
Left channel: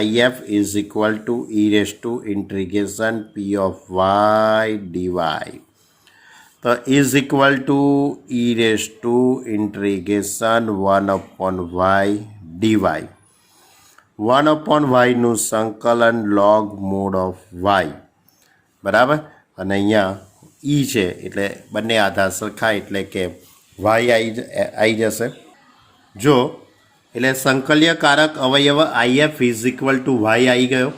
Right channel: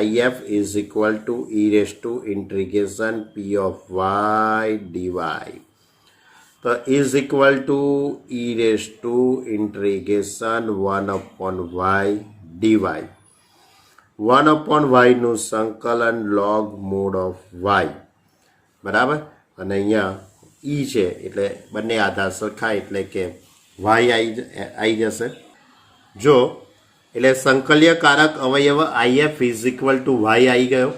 IF is equal to e raise to integration p of y d y. તો is equal to e raise to integration 1/y d y. 1/y નું સંકલન log મોડ ઓફ વાય. બરાબર? અને અહીંયા ઈ છે એટલે બંને આધાર સરખા એટલે કે વાય આવી જશે. જો એટલે સંકલ્યકારક અવયવ IF is equal to y આવી ગયો.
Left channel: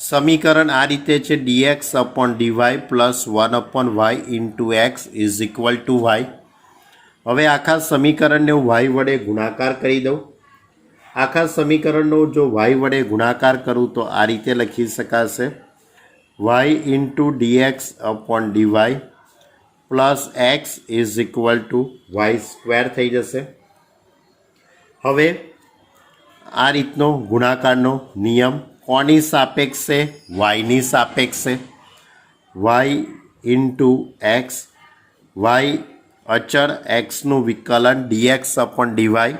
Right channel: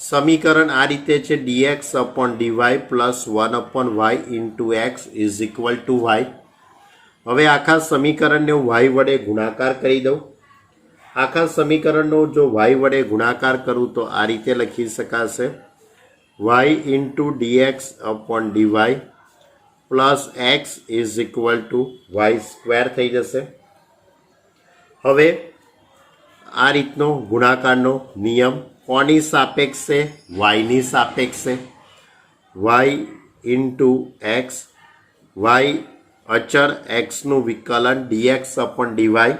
સમીકરણ આ રીતે છે dx upon DY plus 1/y into x is equal to y. હવે આખા સમીકરણને હું વાય વડે ગુણાકાર કરી દઉં. આખા સમીકરણનો જો વાય વડે ગુણાકાર કરું તો આ રીતે લખી શકાશે y into dx upon dy plus x is equal to y square થઈ જશે. હવે આ રીતનો ગુણાકારનો નિયમ કોની સાપેક્ષે? વાયની સાપેક્ષે. વાય ઇન્ટુ એક્સ, વાય અચળ એક્સનું વિકલન dx upon DY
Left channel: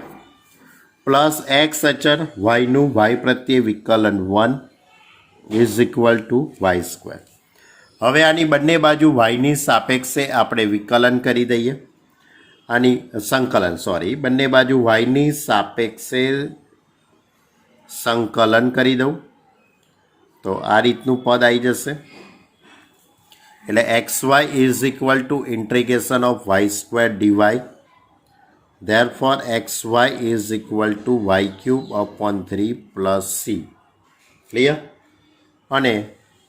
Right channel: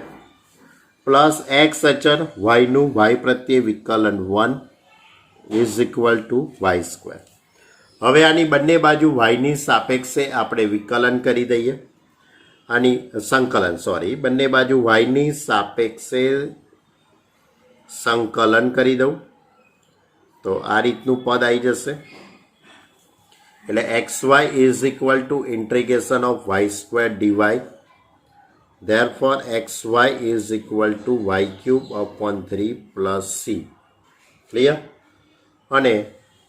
plus x અચળ વાયનું વાય પ્રત્યે વિકલન 1 is equal to y square. હવે આની બંને બાજુ વાયની સાપેક્ષે આપણે વિકલન કરી દઈએ. આની બંને બાજુ વાયની સાપેક્ષે સંકલન કરી દઉં તો આ રીતનું પદ આવી જશે. એટલે x y is equal to integration of y square dy. Therefore, xy is equal to y cube upon 3 plus c. Clear? અને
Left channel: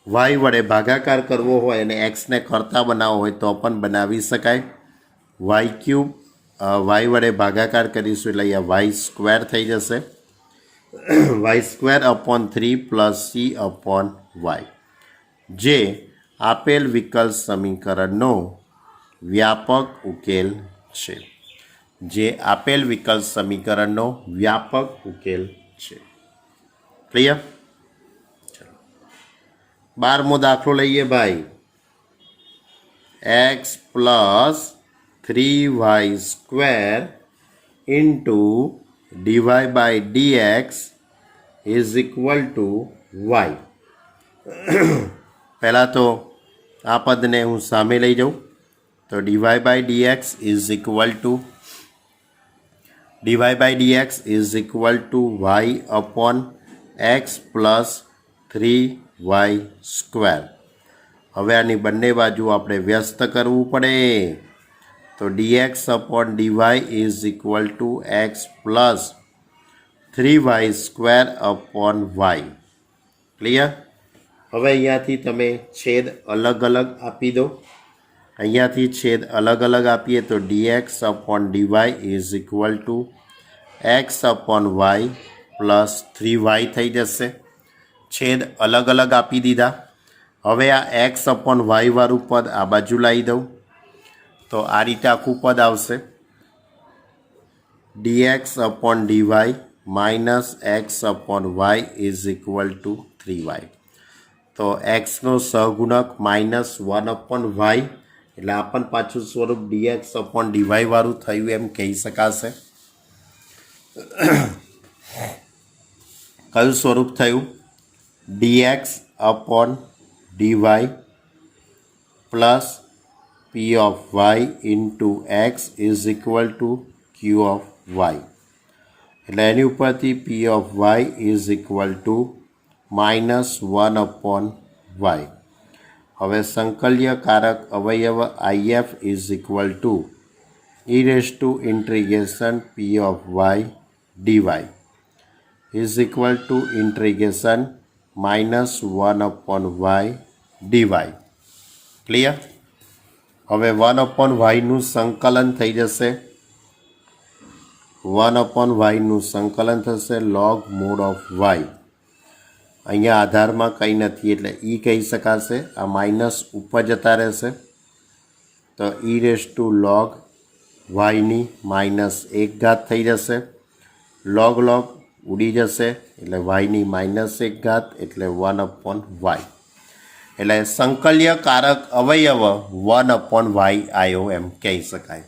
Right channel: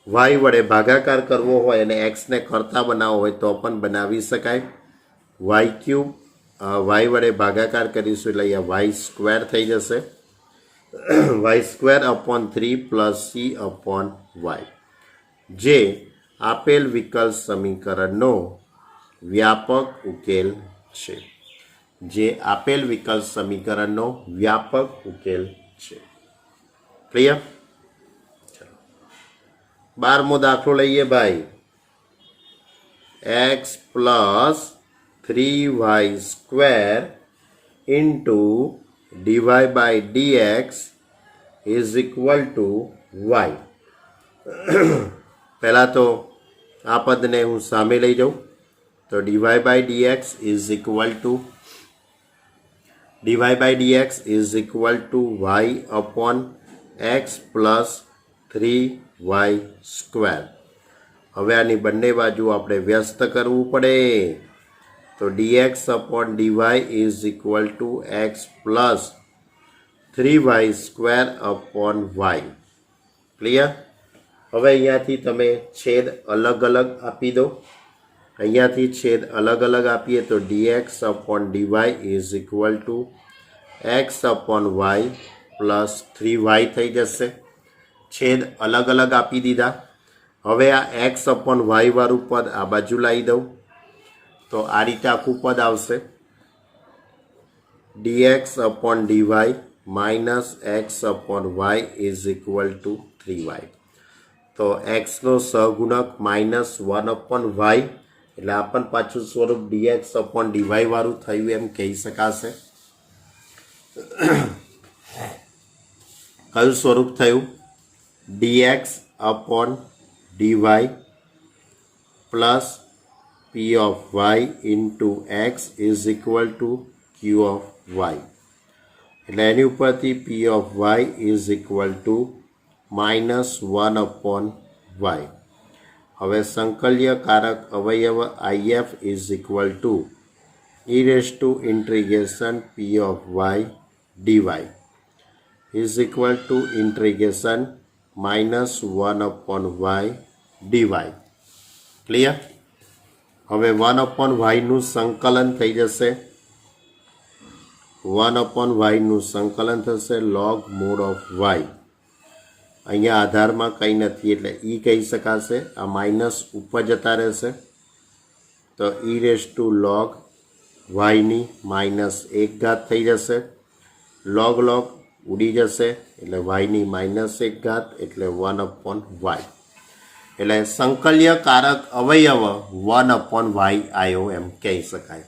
y વડે ભાગાકાર કરવો હોય અને xને કરતા બનાવવો હોય તો પણ બનાવી શકાય. y ક્યુબ y વડે ભાગાકાર કરીશું એટલે અહીંયા y સ્ક્વેર થઈ જશે. y square upon 3 plus c upon y, જે આપેલ વિકલ સમીકરણનો વ્યાપક ઉકેલ છે. જે આપેલ વિકલ સમીકરણનો વ્યાપક ઉકેલ છે. ક્લિયર? ચલો 12મો દાખલો લઈએ ભાઈ. X plus 3y square into DY by dx is equal to y. પહેલાં તો આ પદને હું સામે લઈ જાઉં તો DY by dx is equal to dy by dx is equal to y upon x plus 3y square. હવે આની બંને બાજુ આપણે વ્યસ્ત કરવું પડે તો dx upon dy is equal to x plus 3y square upon y. Clear? હવે અહીંયાથી તમે છેદ અલગ અલગ આપી દો. અહીંયાથી છેદ અલગ અલગ આપીએ તો dx upon dy is equal to x upon y plus 3y થઈ જશે. છેદ અલગ અલગ આપી દીધા. હવે આ x upon y વાળું પદ આ બાજુ લાવી દઉં તો આ રીતે આખું પદ આવશે. dx upon dy minus x upon y is equal to 3y. તો xનો સહગુણક માઇનસ 1 upon y એટલે આ પણ પાછું સ્વરૂપ dx upon dy વાળું થયું એમ કહી શકાશે. કયું સ્વરૂપ થયું? dx upon dy plus p of y into x is equal to q of y. એટલે એની ઉપરથી p of y is equal to minus 1 upon y. હવે સંકલ્યકારક અવયવ IF is equal to e raised to integration p of y dy is equal to integration minus 1 upon y dy. Clear? હવે 1 upon y નું સંકલન થઈ જશે. 1 upon y નું સંકલન થશે log mod of y. અહીંયા આધારમાં કંઈ નથી એટલે e કહી શકાશે. આ માઇનસ ઉપર જતા રહેશે તો e રેઝ ટુ log વાયની માઇનસ 1 ઘાત થઈ જશે. log log ઉડી જશે એટલે વાયની માઇનસ 1 ઘાત એટલે 1 upon y. એટલે સંકલ્યકારક અવયવ 1 upon y આવ્યો એમ કહી શકાય.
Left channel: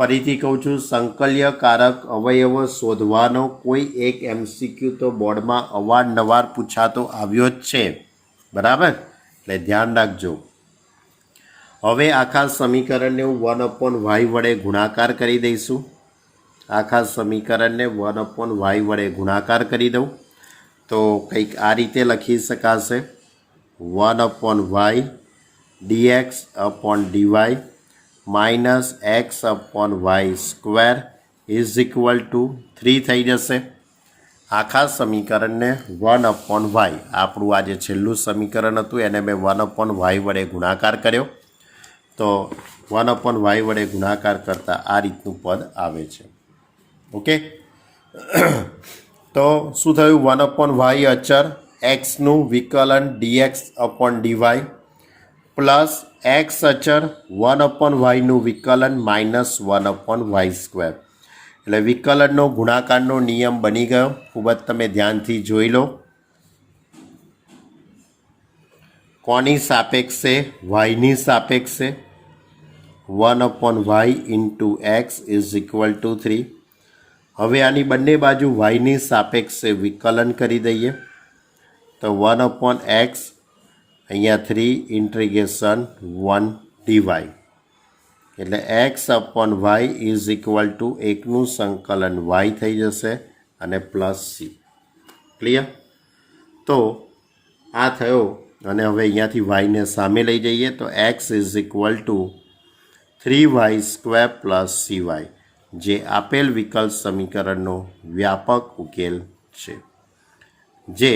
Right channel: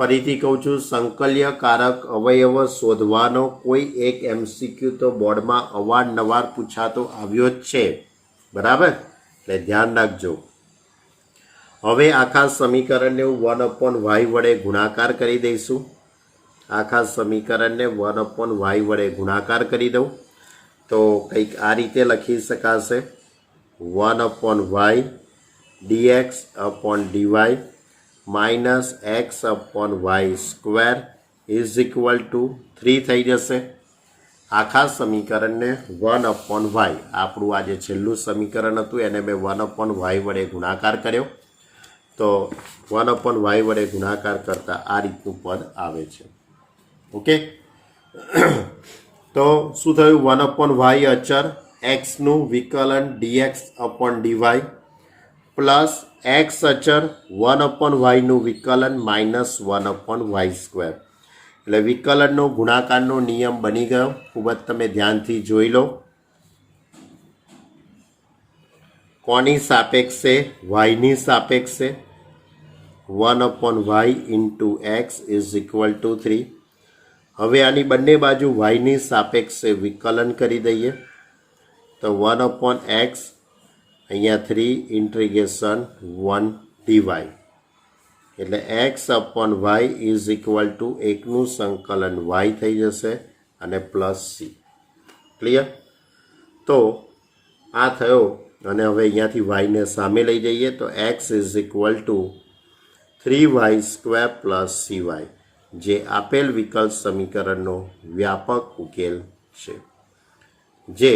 ફરીથી કહું છું, સંકલ્યકારક અવયવ શોધવાનો કોઈ એક MCQ તો બોર્ડમાં અવારનવાર પૂછાતો આવ્યો જ છે. બરાબર? એટલે ધ્યાન રાખજો. હવે આખા સમીકરણને હું 1 upon y વડે ગુણાકાર કરી દઈશું. આખા સમીકરણને 1 upon y વડે ગુણાકાર કરી દઉં તો કંઈક આ રીતે લખી શકાશે. 1 upon y dx upon dy minus x upon y square is equal to 3 થઈ જશે. આખા સમીકરણને 1 upon y, આપણું આ જે છેલ્લું સમીકરણ હતું એને મેં 1 upon y વડે ગુણાકાર કર્યો તો 1 upon y વડે ગુણાકાર કરતાં આ રીતનું પદ આવે છે. ઓકે, તો શું થયું? 1 upon y અચર એક્સનું વિકલન dx upon dy plus x અચળ 1/y વિકલન માઇનસ 1/y². એટલે વિકલનનો ગુણાકારનો નિયમ બની ગયો. ખૂબ જ તમે ધ્યાનથી જોઈ લો. કોની સાપેક્ષે? વાયની સાપેક્ષે. 1/y into x is equal to 3. હવે આની બંને બાજુ વાયની સાપેક્ષે વિકલન કરી દઈએ તો 1/x અહીંયા 3 ઇન્ટિગ્રેશન 1 dy. એટલે x/y ઇઝ ઇક્વલ ટુ 1નું સંકલન y થઈ જશે અને પ્લસ c. ક્લિયર? તો આ થયો. અને હવે અહીંયાથી વાયને સામે લઈ જઈએ તો x is equal two 3y² plus cy, જે આપેલ વિકલ્પ સમીકરણનો વ્યાપક ઉકેલ છે. જે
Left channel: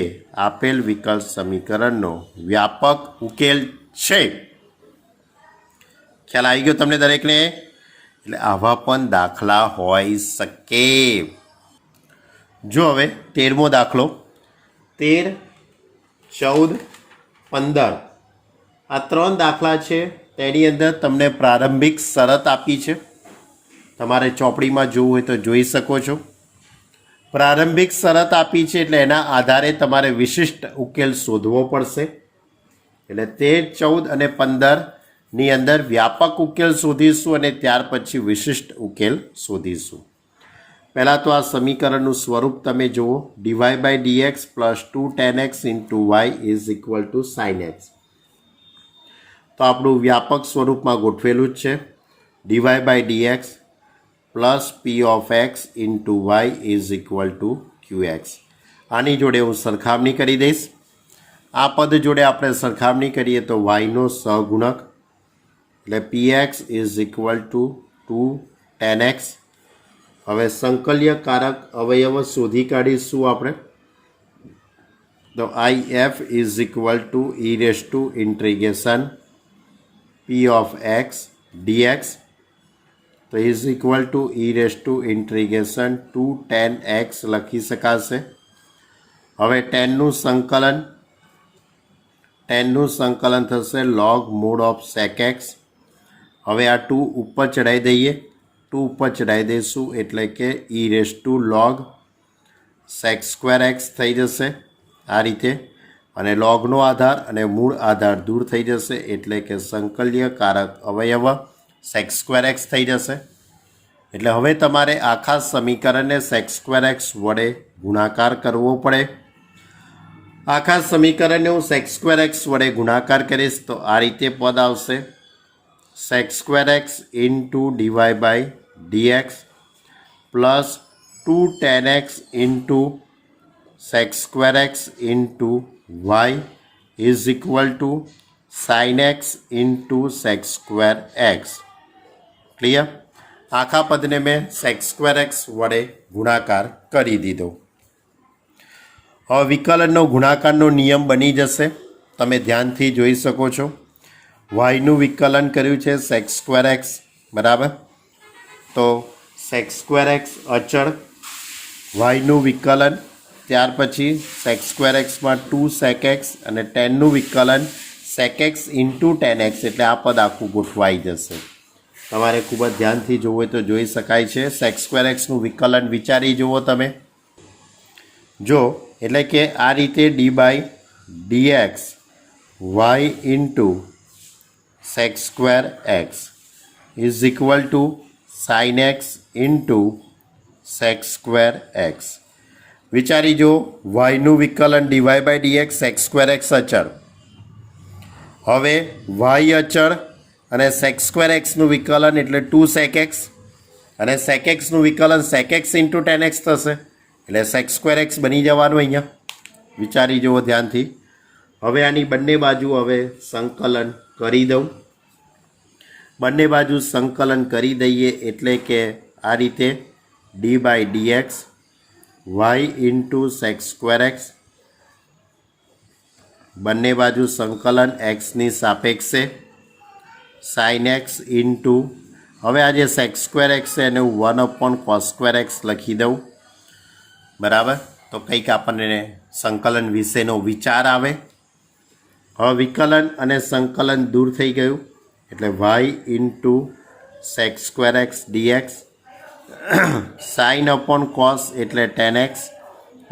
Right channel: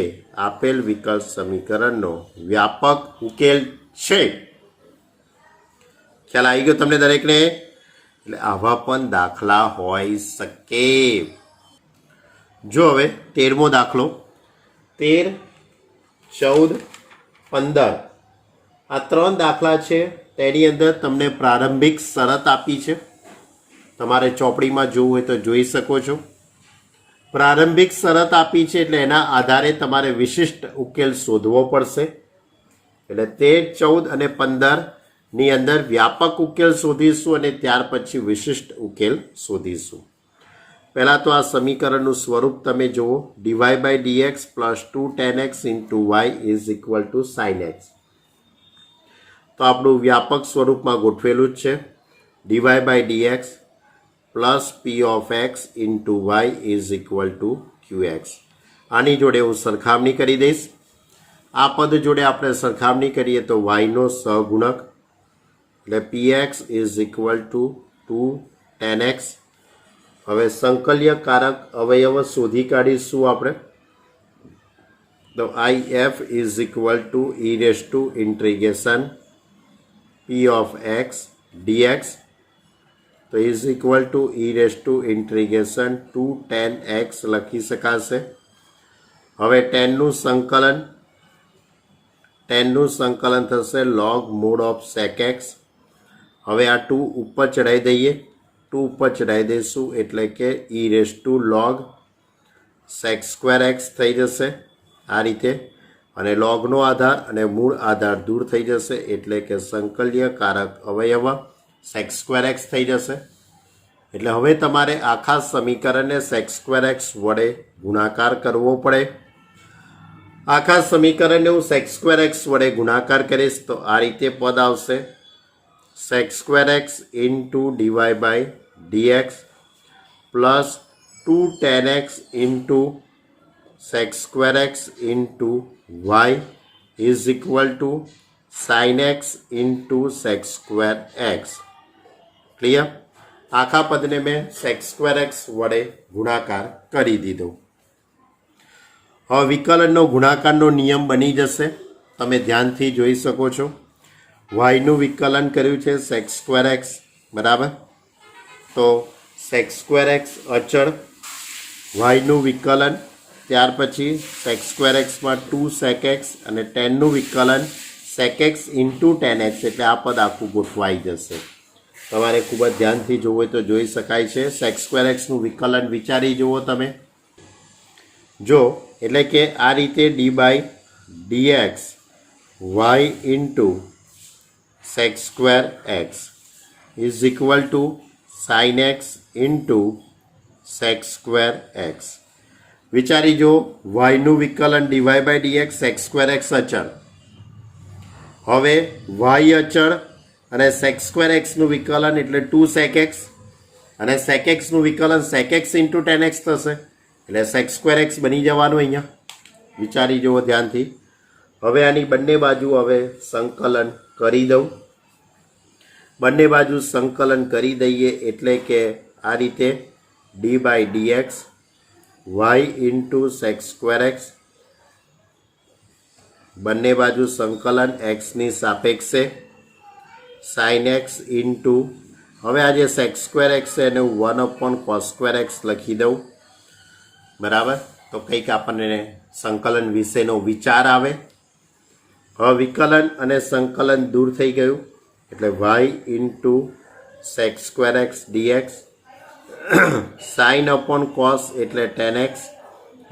આપેલ વિકલ્પ સમીકરણનો વ્યાપક ઉકેલ છે. ખ્યાલ આવી ગયો તમને દરેકને? એટલે આવા પણ દાખલા હોઈ શકે. જો હવે 13મો દાખલો, 13, 14, 15 આ 3 દાખલા છે. તેની અંદર તમને પ્રારંભિક શરત આપી છે. તમારે ચોપડીમાં જોવું હોય તો જોઈ શકો છો. પ્રારંભિક શરત આપી છે એટલે એના આધારે તમારે વિશિષ્ટ ઉકેલ શોધવો પડશે. એટલે 13, 14 અને 15ની અંદર વ્યાપક ઉકેલ શોધીશું અને ત્યાર પછી વિશિષ્ટ ઉકેલ શોધીશું. પહેલાં તો આ સમીકરણનું સ્વરૂપ તમે જુઓ. dy/dx plus 2 tan x into y is equal two sin x. તો આપણું વ્યાપક સ્વરૂપમાં ગોઠવેલું જ છે. dy/dx plus p of x into y is equal to qx. આની જોડે હું સરખામણી કરી દઈશ. આ પદ જોડે આપણે સરખામણી કરીએ તો yનો સહગુણક એટલે px is equal to 2 tan x. હવે સંકલ્યકારક અવયવ શોધી કાઢીશું આપણે. તો if is equal to e raise to integration p of x dx. તો is equal to e raise to integration 2 tan x લખી શકાશે. હવે ટેનનું સંકલન થશે log mod of sec x. હવે આ 2 ઉપર ચડાવી દઈએ. 2 ઉપર ચડાવી દઈશું એટલે કે e raise to log sec² x થઈ જશે આ રીતે. અને લોગનો આધાર અને મૂળ આધાર દૂર થઈ જશે એટલે કે સંકલ્યકારક અવયવ sec² x થઈ જશે. એટલે હવે તમારે આખા સમીકરણને sec² x વડે ગુણાકાર કરવો પડે. આખા સમીકરણને હું sec² x વડે ગુણાકાર કરીશ તો આ રીતે પદ આવશે. sec² x into dy/dx plus 2 tan x into sec² x into y is equal two sin x into sec² x. Clear? આખા પદને મેં sec² x વડે ગુણાકાર કરી દીધો. હવે વિકલનનો ગુણાકારનો નિયમ બની જશે. તમે ધ્યાનથી જોઈ શકો છો. વાયનું વિકલન કર્યું છે sec² x, બરાબર? તો sec² x અચળ, વાયનું વિકલન, ત્યાર પછી sec² xમાં 2 sec x અને ટેનનું વિકલન sec x into tan x. એટલે આ પદ આખું ગોઠવાઈ જશે. તમારે ખૂબ જ ધ્યાનથી જોવું હોય તો જોઈ શકાય છે. sec² xનું વિકલન વિચારી જુઓ તમે. જો એટલે કે આ રીતે d/dx y into sec² x is equal two sin x into sec² x. વિચારી જો, yનું વિકલન dy/dx sec² x અચળ. હવે y અચળ અને sec² xનું વિકલન એટલે 2 sec x અને sec xનું વિકલન sec x into tan x થશે. એટલે sec² x બની જવાનું અહીંયા. વિચારી જુઓ ધ્યાનથી. હવે આની બંને બાજુ હવે સંકલન કરી દઉં. બંને બાજુ સંકલન કરી દઈએ એટલે કે આ રીતે d/dx y into sec² x બંને બાજુ સંકલન xની સાપેક્ષે sin x ઇન્ટુ, હવે આ જે sec² x છે એને હું 1/cos² x લખી દઉં, બરાબર? તો કંઈક આપણને સંકલન વિશેનો વિચાર આવે. હવે વિકલન અને સંકલન દૂર થઈ ગયું એટલે y into sec square x dx, sine upon cos એટલે ટેન એક્સ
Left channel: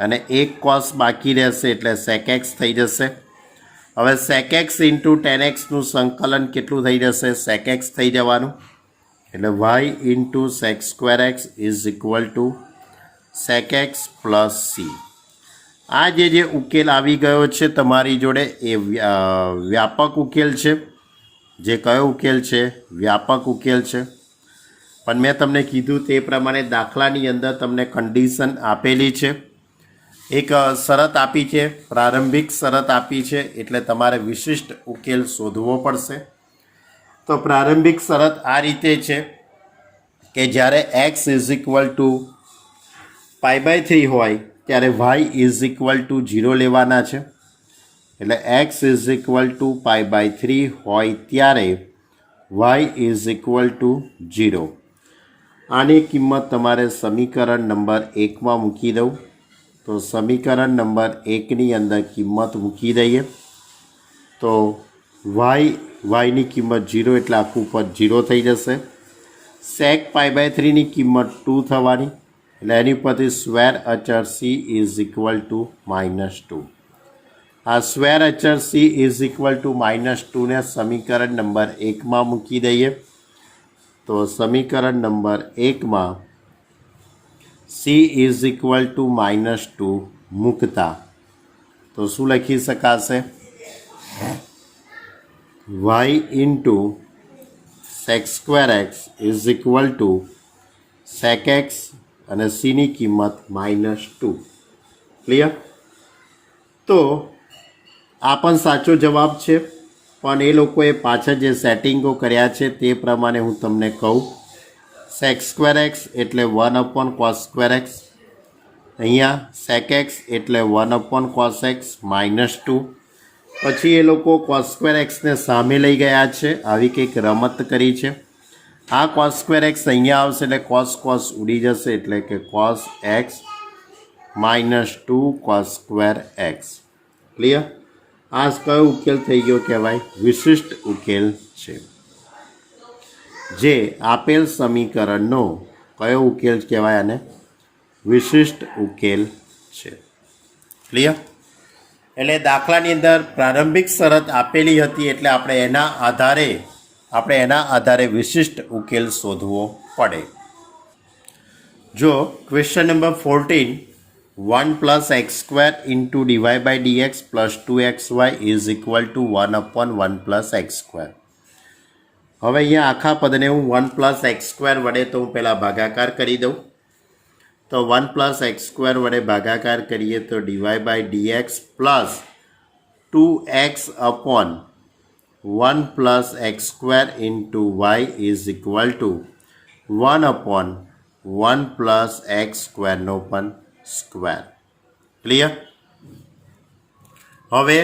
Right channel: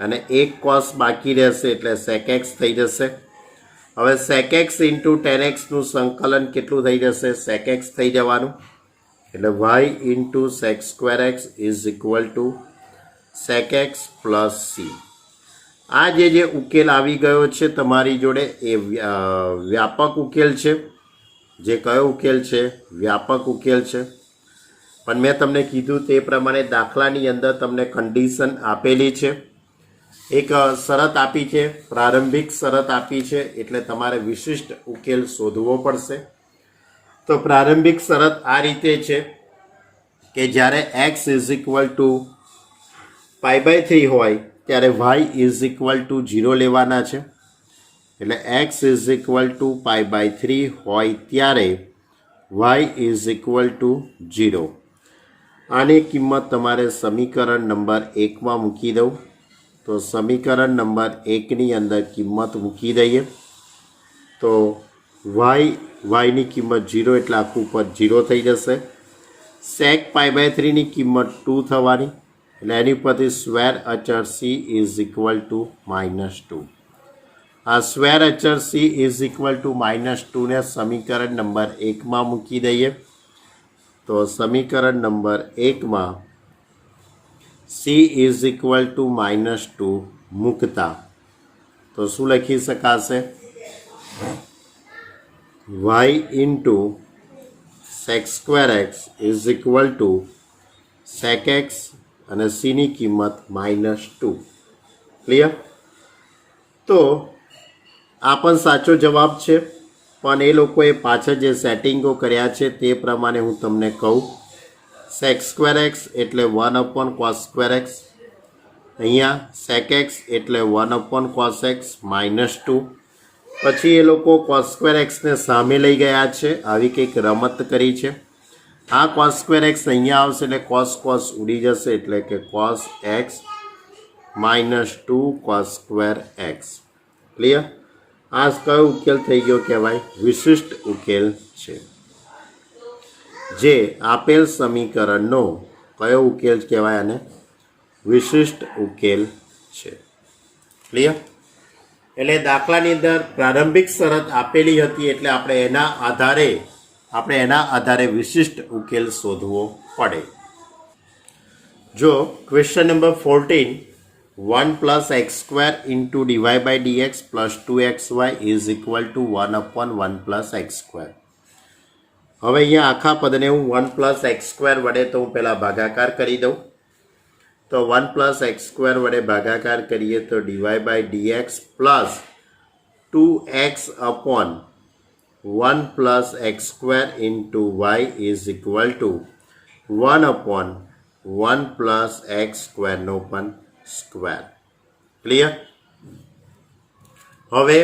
અને એક કોસ બાકી રહેશે એટલે સેક એક્સ થઈ જશે. હવે સેક એક્સ ઇન્ટુ ટેન એક્સનું સંકલન કેટલું થઈ જશે? સેક એક્સ થઈ જવાનું એટલે y into sec square x is equal to sec x plus c. આ જે ઉકેલ આવી ગયો છે તમારી જોડે એ વ્યાપક ઉકેલ છે. જે કયો ઉકેલ છે? વ્યાપક ઉકેલ છે. પણ મેં તમને કીધું તે પ્રમાણે દાખલાની અંદર તમને કન્ડિશન આપેલી છે, એક શરત આપી છે, પ્રારંભિક શરત આપી છે, એટલે તમારે વિશિષ્ટ ઉકેલ શોધવો પડશે. તો પ્રારંભિક શરત આ રીતે છે કે જ્યારે એક્સ ઇઝ ઇક્વલ ટુ π/3 હોય ત્યારે વાય ઇઝ ઇક્વલ ટુ 0 લેવાના છે. એટલે એક્સ ઇઝ ઇક્વલ ટુ π/3 હોય ત્યારે વાય ઇઝ ઇક્વલ ટુ 0. આની કિંમત તમારે સમીકરણ નંબર 1માં મૂકી દઉં. તો સમીકરણ નંબર 1ની અંદર કિંમત મૂકી દઈએ તો વાયની કિંમત 0 એટલે આખું પદ 0 થઈ જશે. સેક π/3ની કિંમત 2 થવાની એટલે એની પરથી સ્ક્વેર અચળ સી ઇઝ ઇક્વલ ટુ -2. આ સ્ક્વેર અચળ સી ઇઝ ઇક્વલ ટુ -2ને સમીકરણ નંબર 1માં મૂકી દઈએ તો સમીકરણ નંબર 1માં સી ઇઝ ઇક્વલ ટુ -2 મૂકતા તો શું લખી શકાશે? Y into sec square x is equal to sec x અને સીની કિંમત -2. ક્લિયર? તો આ પણ સાચો જવાબ છે, પણ એ લોકોએ પાછળ જે સેટિંગો કર્યા છે તે પ્રમાણે હું તમને કહું. સેક સ્ક્વેર એક્સ એટલે 1/cos² એક્સ, અહીંયા સેક એક્સ એટલે 1/cos x -2. પછી એ લોકો cos² એક્સને સામે લઈ ગયા છે, આવી કંઈક રમત કરી છે. આ cos² એક્સ અહીંયા આવશે એટલે cos ઉડી જશે એટલે કે cos x -2 cos² x. Clear? આ કયો ઉકેલ થઈ ગયો કહેવાય? વિશિષ્ટ ઉકેલ છે. જે આપેલ સમીકરણનો કયો ઉકેલ કહેવાય? આને વિશિષ્ટ ઉકેલ છે. ક્લિયર? એટલે દાખલાની અંદર પ્રારંભિક શરત આપેલી હતી એટલે આપણે એના આધારે વિશિષ્ટ ઉકેલ શોધવો પડે. જો question number 14 1 + x² into dy/dx plus 2xy is equal two 1/1 + x². હવે અહીંયા આખા પદને હું 1 + x² વડે તો હું પહેલાં ભાગાકાર કરી દઉં. તો 1 + x² વડે ભાગાકાર કરીએ તો dy/dx plus 2x/1 + x² into y is equal two 1/1 + x² પણ સ્ક્વેર. ક્લિયર? હવે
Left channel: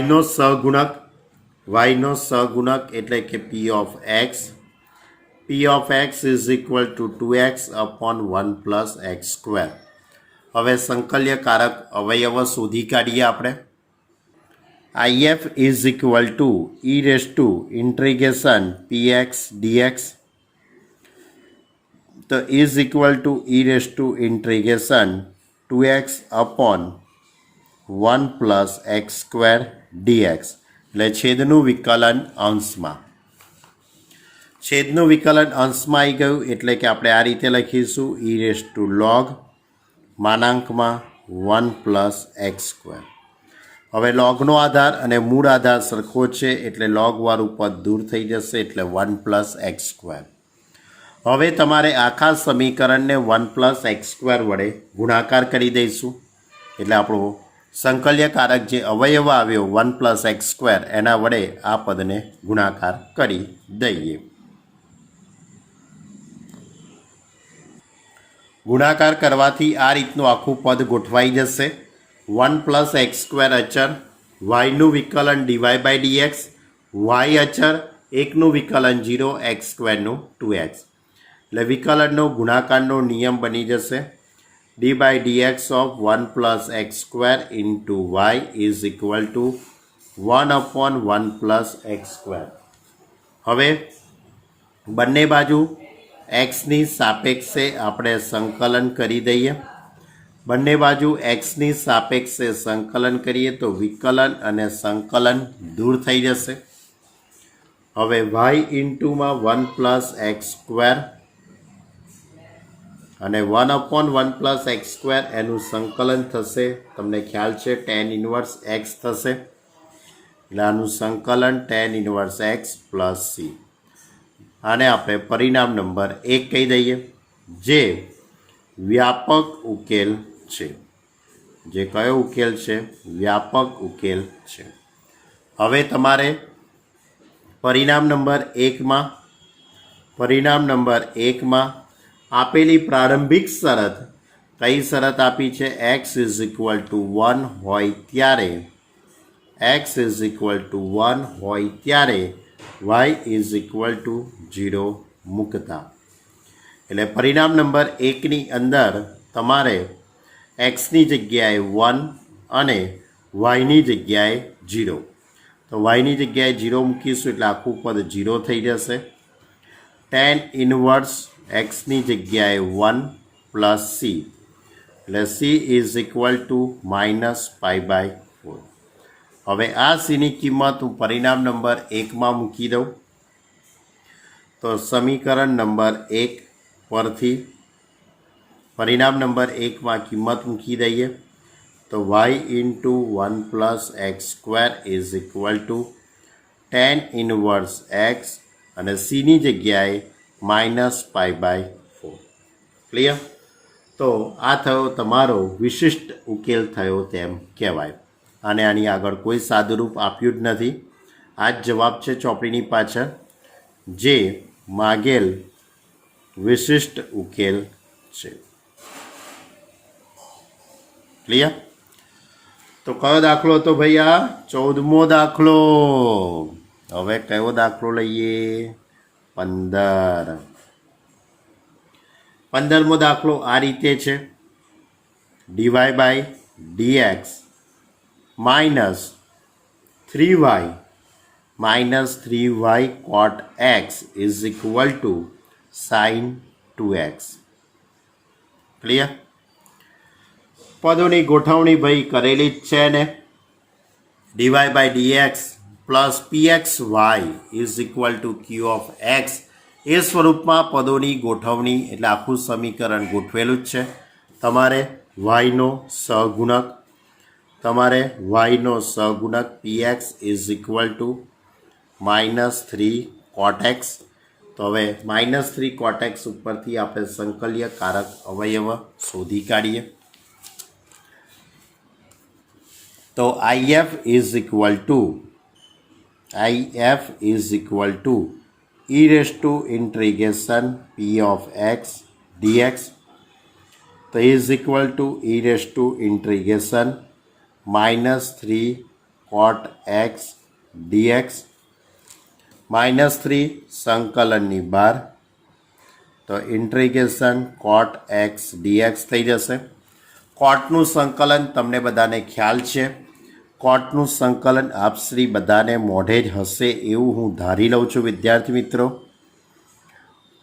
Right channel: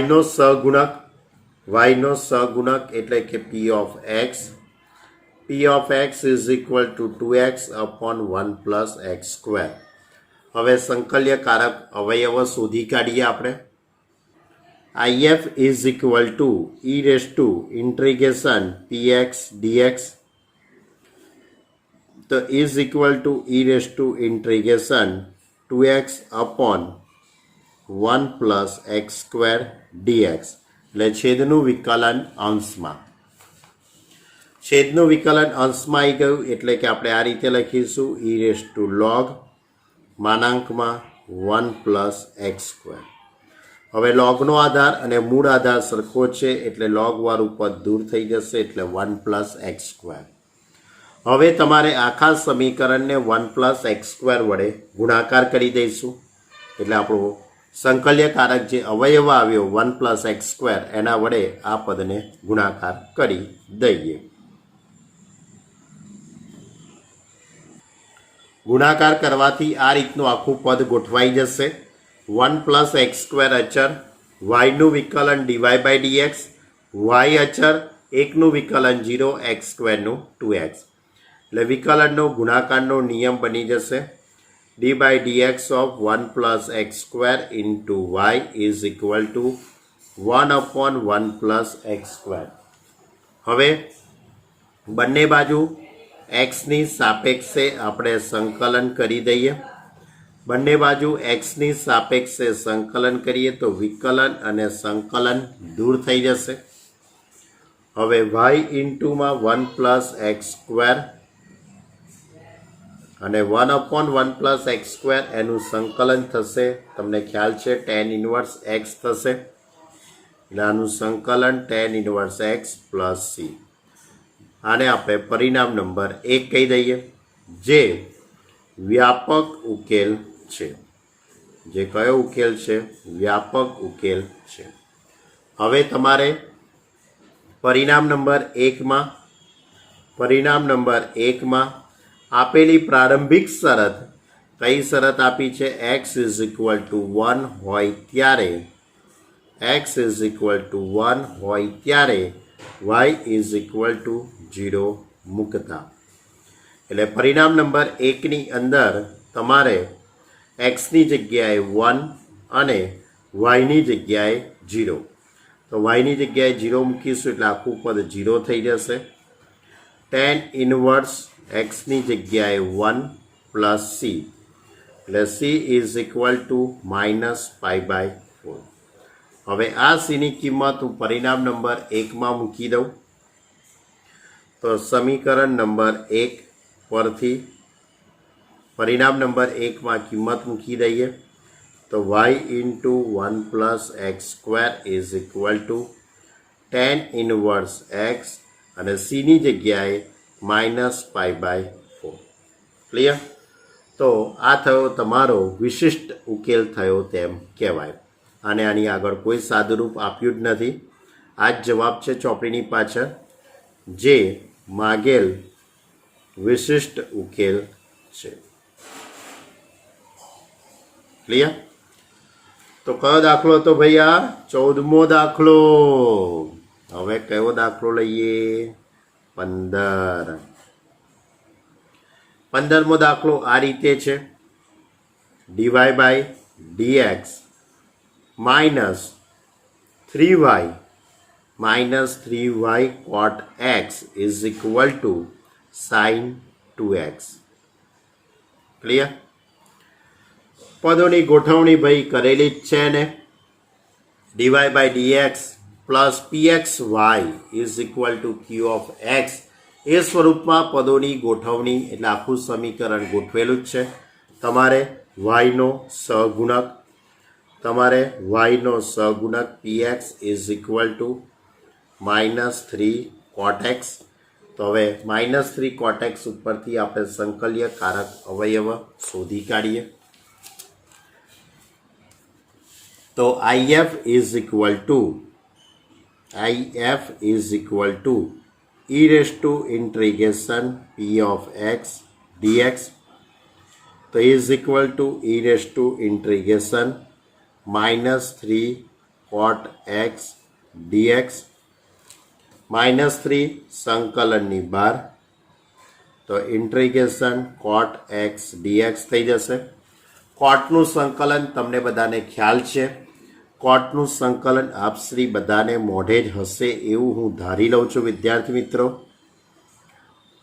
yનો સહગુણક એટલે કે p of x is equal two 2x/1 + x². હવે સંકલ્યકારક અવયવો શોધી કાઢીએ આપણે. if is equal to e⁻∫ px dx તો is equal to e⁻∫ 2x/1 + x² dx એટલે છેદનું વિકલન અંશમાં. છેદનું વિકલન અંશમાં આવી ગયું એટલે કે આપણે આ રીતે લખીશું e⁻log (1 + x²). હવે લોગનો આધાર અને મૂળ આધાર સરખો છે એટલે લોગવાળું પદ દૂર થઈ જશે એટલે 1 + x². હવે તમારે આખા સમીકરણને 1 + x² વડે ગુણાકાર કરી દઈશું એટલે આપણો સંકલ્યકારક જે અવયવ આવ્યો 1 + x² એના વડે આ પદને ગુણાકાર કરી દઈએ. ગુણાકાર કરવાથી આ રીતનું આખું પદ ગોઠવાઈ જશે. 1 + x² અચળ, yનું વિકલન dy/dx, y અચળ, 1નું વિકલન 0, x² 2x. એટલે વિકલનનો ગુણાકારનો નિયમ બની જશે d/dx of 1 + x² into y is equal to 1/1 plus x square. હવે બંને બાજુ એક્સની સાપેક્ષે આપણે સંકલન કરી દઈએ. બંને બાજુ એક્સની સાપેક્ષે સંકલન કરીએ તો વિકલન અને સંકલન દૂર થઈ જશે. હવે વાય ઇન્ટુમાં 1 પ્લસ એક્સ સ્ક્વેર અને 1/1 પ્લસ એક્સ સ્ક્વેર એનું સંકલન થશે. તમને ખ્યાલ છે tan ઇન્વર્સ એક્સ થશે એટલે આનું સંકલન tan inverse x plus C. આને આપણે પરિણામ નંબર 1 કહી દઈએ, જે વ્યાપક ઉકેલ છે. જે કયો ઉકેલ છે? વ્યાપક ઉકેલ છે. હવે તમારે પરિણામ નંબર 1માં આપેલી પ્રારંભિક શરત, કઈ શરત આપી છે? x ઇઝ ઇક્વલ ટુ 1 હોય ત્યારે y ઇઝ ઇક્વલ ટુ 0 મૂકતા. એટલે પરિણામ નંબર 1ની અંદર તમારે એક્સની જગ્યાએ 1 અને વાયની જગ્યાએ 0. તો વાયની જગ્યાએ 0 મૂકીશું એટલે આખું પદ 0 થઈ જશે. tan ઇન્વર્સ એક્સની જગ્યાએ 1 પ્લસ સી એટલે સી ઇઝ ઇક્વલ ટુ -π/4. હવે આ સીની કિંમત હું પરિણામ નંબર 1માં મૂકી દઉં તો સમીકરણ નંબર 1 પરથી પરિણામ નંબર 1માં કિંમત મૂકી દઈએ તો y into 1 plus x square is equal to tan inverse x અને સીની જગ્યાએ -π/4. ક્લિયર? તો આ થયો તમારો વિશિષ્ટ ઉકેલ થયો તેમ કહેવાય. અને આની આગળ કોઈ સાદુરૂપ આપ્યું જ નથી. આ જ જવાબ છે ચોપડીની પાછળ, જે માગેલ વિશિષ્ટ ઉકેલ છે. ક્લિયર? તો કયો દાખલો હતો ભાઈ? આ 14મો દાખલો. હવે કયો દાખલો લઈએ? 15મો દાખલો આ રીતે છે, dy/dx minus 3y cot x is equal to sin 2x. Clear? પદોની ગોઠવણી ભાઈ કરેલી જ છે ને. dy/dx plus pxy is equal to q of x એ સ્વરૂપમાં પદોની ગોઠવણી એટલે આખું સમીકરણ ગોઠવેલું જ છે. તમારે વાયનો સહગુણક px is equal to -3 cot x. તો હવે -3 cot x ઉપરથી આપણે સંકલ્ય કારક અવયવ શોધી કાઢીએ. તો if is equal to e raise to integration p of x dx. તો is equal to e raise to integration -3 cot x dx. -3 સંકલનની બહાર તો ઇન્ટિગ્રેશન cot x dx થઈ જશે. કોટનું સંકલન તમને બધાને ખ્યાલ છે. કોટનું સંકલન આપશ્રી બધાને મોઢે જ હશે એવું હું ધારી લઉં છું વિદ્યાર્થી મિત્રો.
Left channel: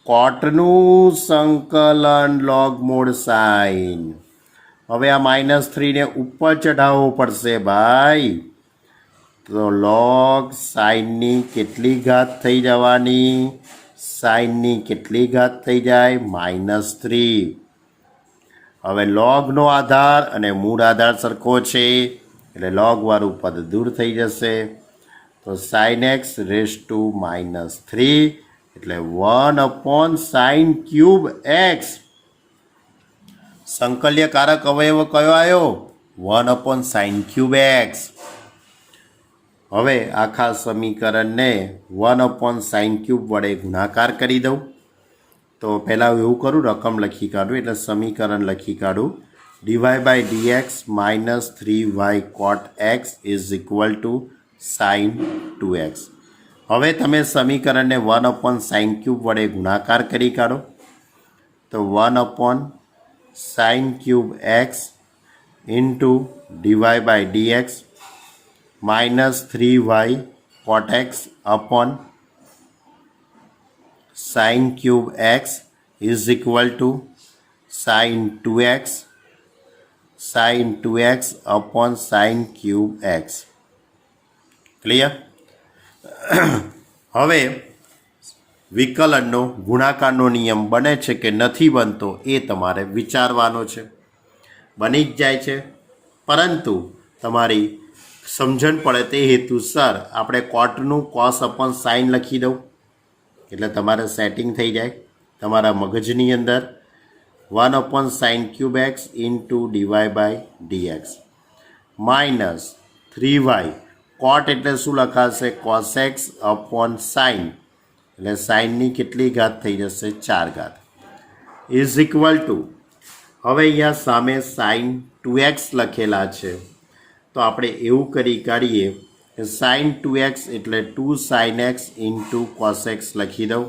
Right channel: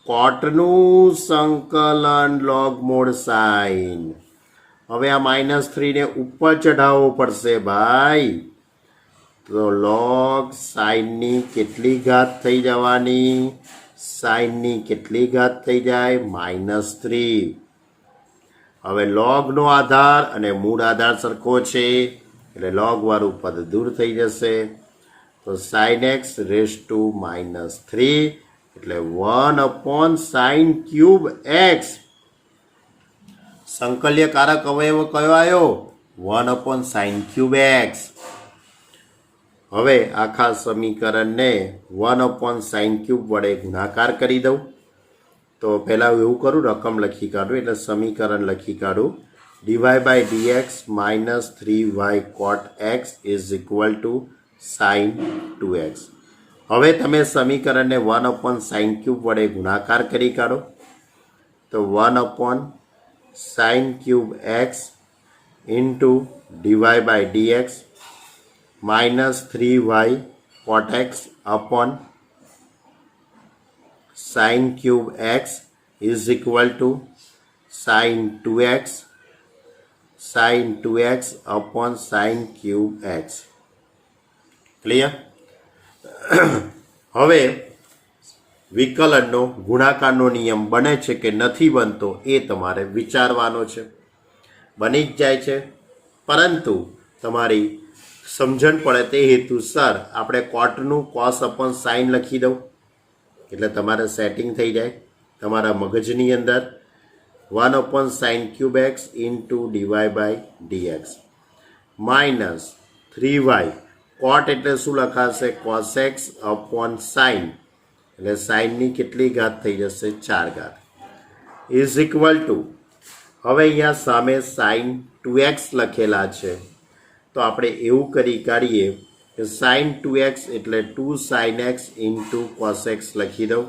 કોટનું સંકલન log mod sin. હવે આ -3 ને ઉપર ચઢાવવો પડશે ભાઈ. તો log સાઇનની કેટલી ઘાત થઈ જવાની? સાઇનની કેટલી ઘાત થઈ જાય? -3. હવે લોગનો આધાર અને મૂળ આધાર સરખો છે એટલે લોગ વાળું પદ દૂર થઈ જશે. તો sin x રેઝ ટુ -3 એટલે 1/sin³ x. સંકલ્યકારક અવયવ કયો આવ્યો? 1/sin³ x. હવે આખા સમીકરણને 1/sin³ વડે ગુણાકાર કરી દઉં. તો પહેલાં એવું કરું, રકમ લખી કાઢું એટલે સમીકરણ લખી કાઢું. dy/dx -3y cot x is equal two sin 2x. હવે તમે સમીકરણને 1/sin³ વડે ગુણાકાર કરી કાઢો. તો 1/sin³ x into dy/dx minus 3y cot x upon sin cube x is equal to sin 2x upon sin cube x. Clear? હવે વિકલનનો ગુણાકારનો નિયમ બને છે કે નથી બનતો એ તમારે વિચારવાનો છે. બની જ જાય છે, પરંતુ તમારી સમજણ પડે તે હેતુસર આપણે કોટનું કોસ અપોન સાઇન લખી દઉં એટલે તમારે સેટિંગ થઈ જાય તમારા મગજની અંદર. 1 upon sine cube x into DY by dx minus 3y cot એટલે શું લખાશે? કોસ એક્સ અપોન સાઇન એટલે સાઇનની કેટલી ઘાત થઈ જશે? 4 ઘાત ઇઝ ઇક્વલ ટુ, હવે અહીંયા સામે સાઇન 2x લખેલા છે તો આપણે એવું કાઢીએ કે સાઇન 2x એટલે 2 sign x into cos x લખી દઉં.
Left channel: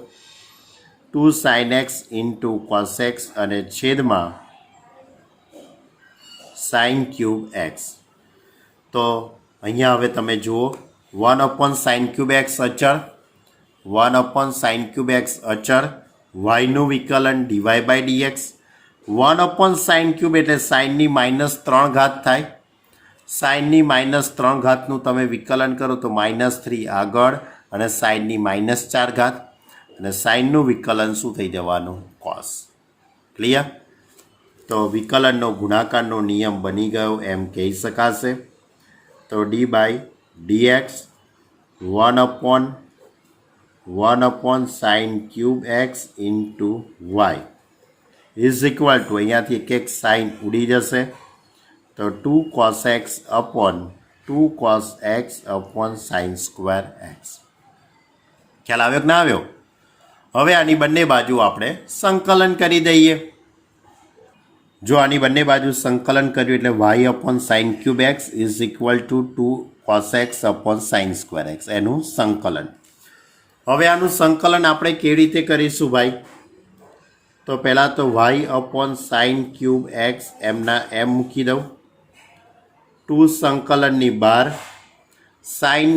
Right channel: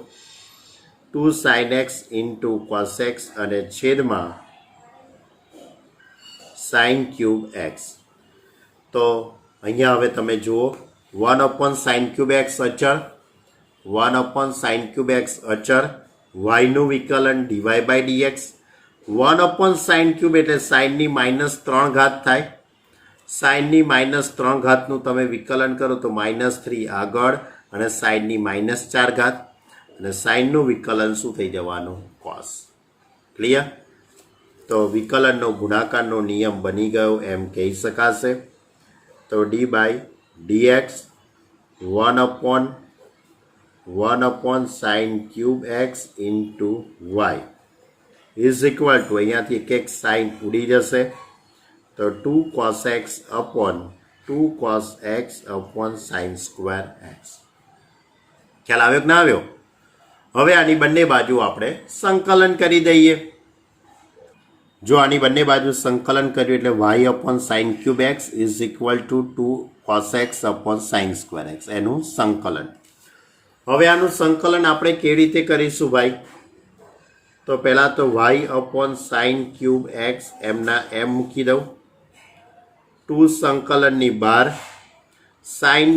2 sign x into cos x અને છેદમાં સાઇન ક્યુબ એક્સ. તો અહીંયા હવે તમે જુઓ 1 અપોન સાઇન ક્યુબ એક્સ અચળ, 1 અપોન સાઇન ક્યુબ એક્સ અચળ, વાયનું વિકલન DY by dx. 1 upon sine cube એટલે સાઇનની -3 ઘાત થાય. સાઇનની -3 ઘાતનું તમે વિકલન કરો તો -3 આગળ અને સાઇનની -4 ઘાત અને સાઇનનું વિકલન શું થઈ જવાનું? કોસ. ક્લિયર? તો વિકલનનો ગુણાકારનો નિયમ બની ગયો એમ કહી શકાશે. તો d by dx 1 upon sine cube x into y is equal to, અહીંયાથી એક સાઇન ઉડી જશે તો 2 cos x અપોન 2 cos x અપોન સાઇન સ્ક્વેર એક્સ. ખ્યાલ આવ્યો કે ના આવ્યો? હવે આની બંને બાજુ આપણે સંકલન કરી દઈએ. જો આની બંને બાજુ સંકલન કર્યું એટલે y upon sine cube x is equal to 2 cos x અપોન સાઇન સ્ક્વેર એક્સ, એનું સંકલન. હવે આનું સંકલન આપણે કેવી રીતે કરીશું ભાઈ? તો પહેલાં તો y upon sine cube x એમના એમ મૂકી દઉં. 2 સંકલનની બહાર સાઇન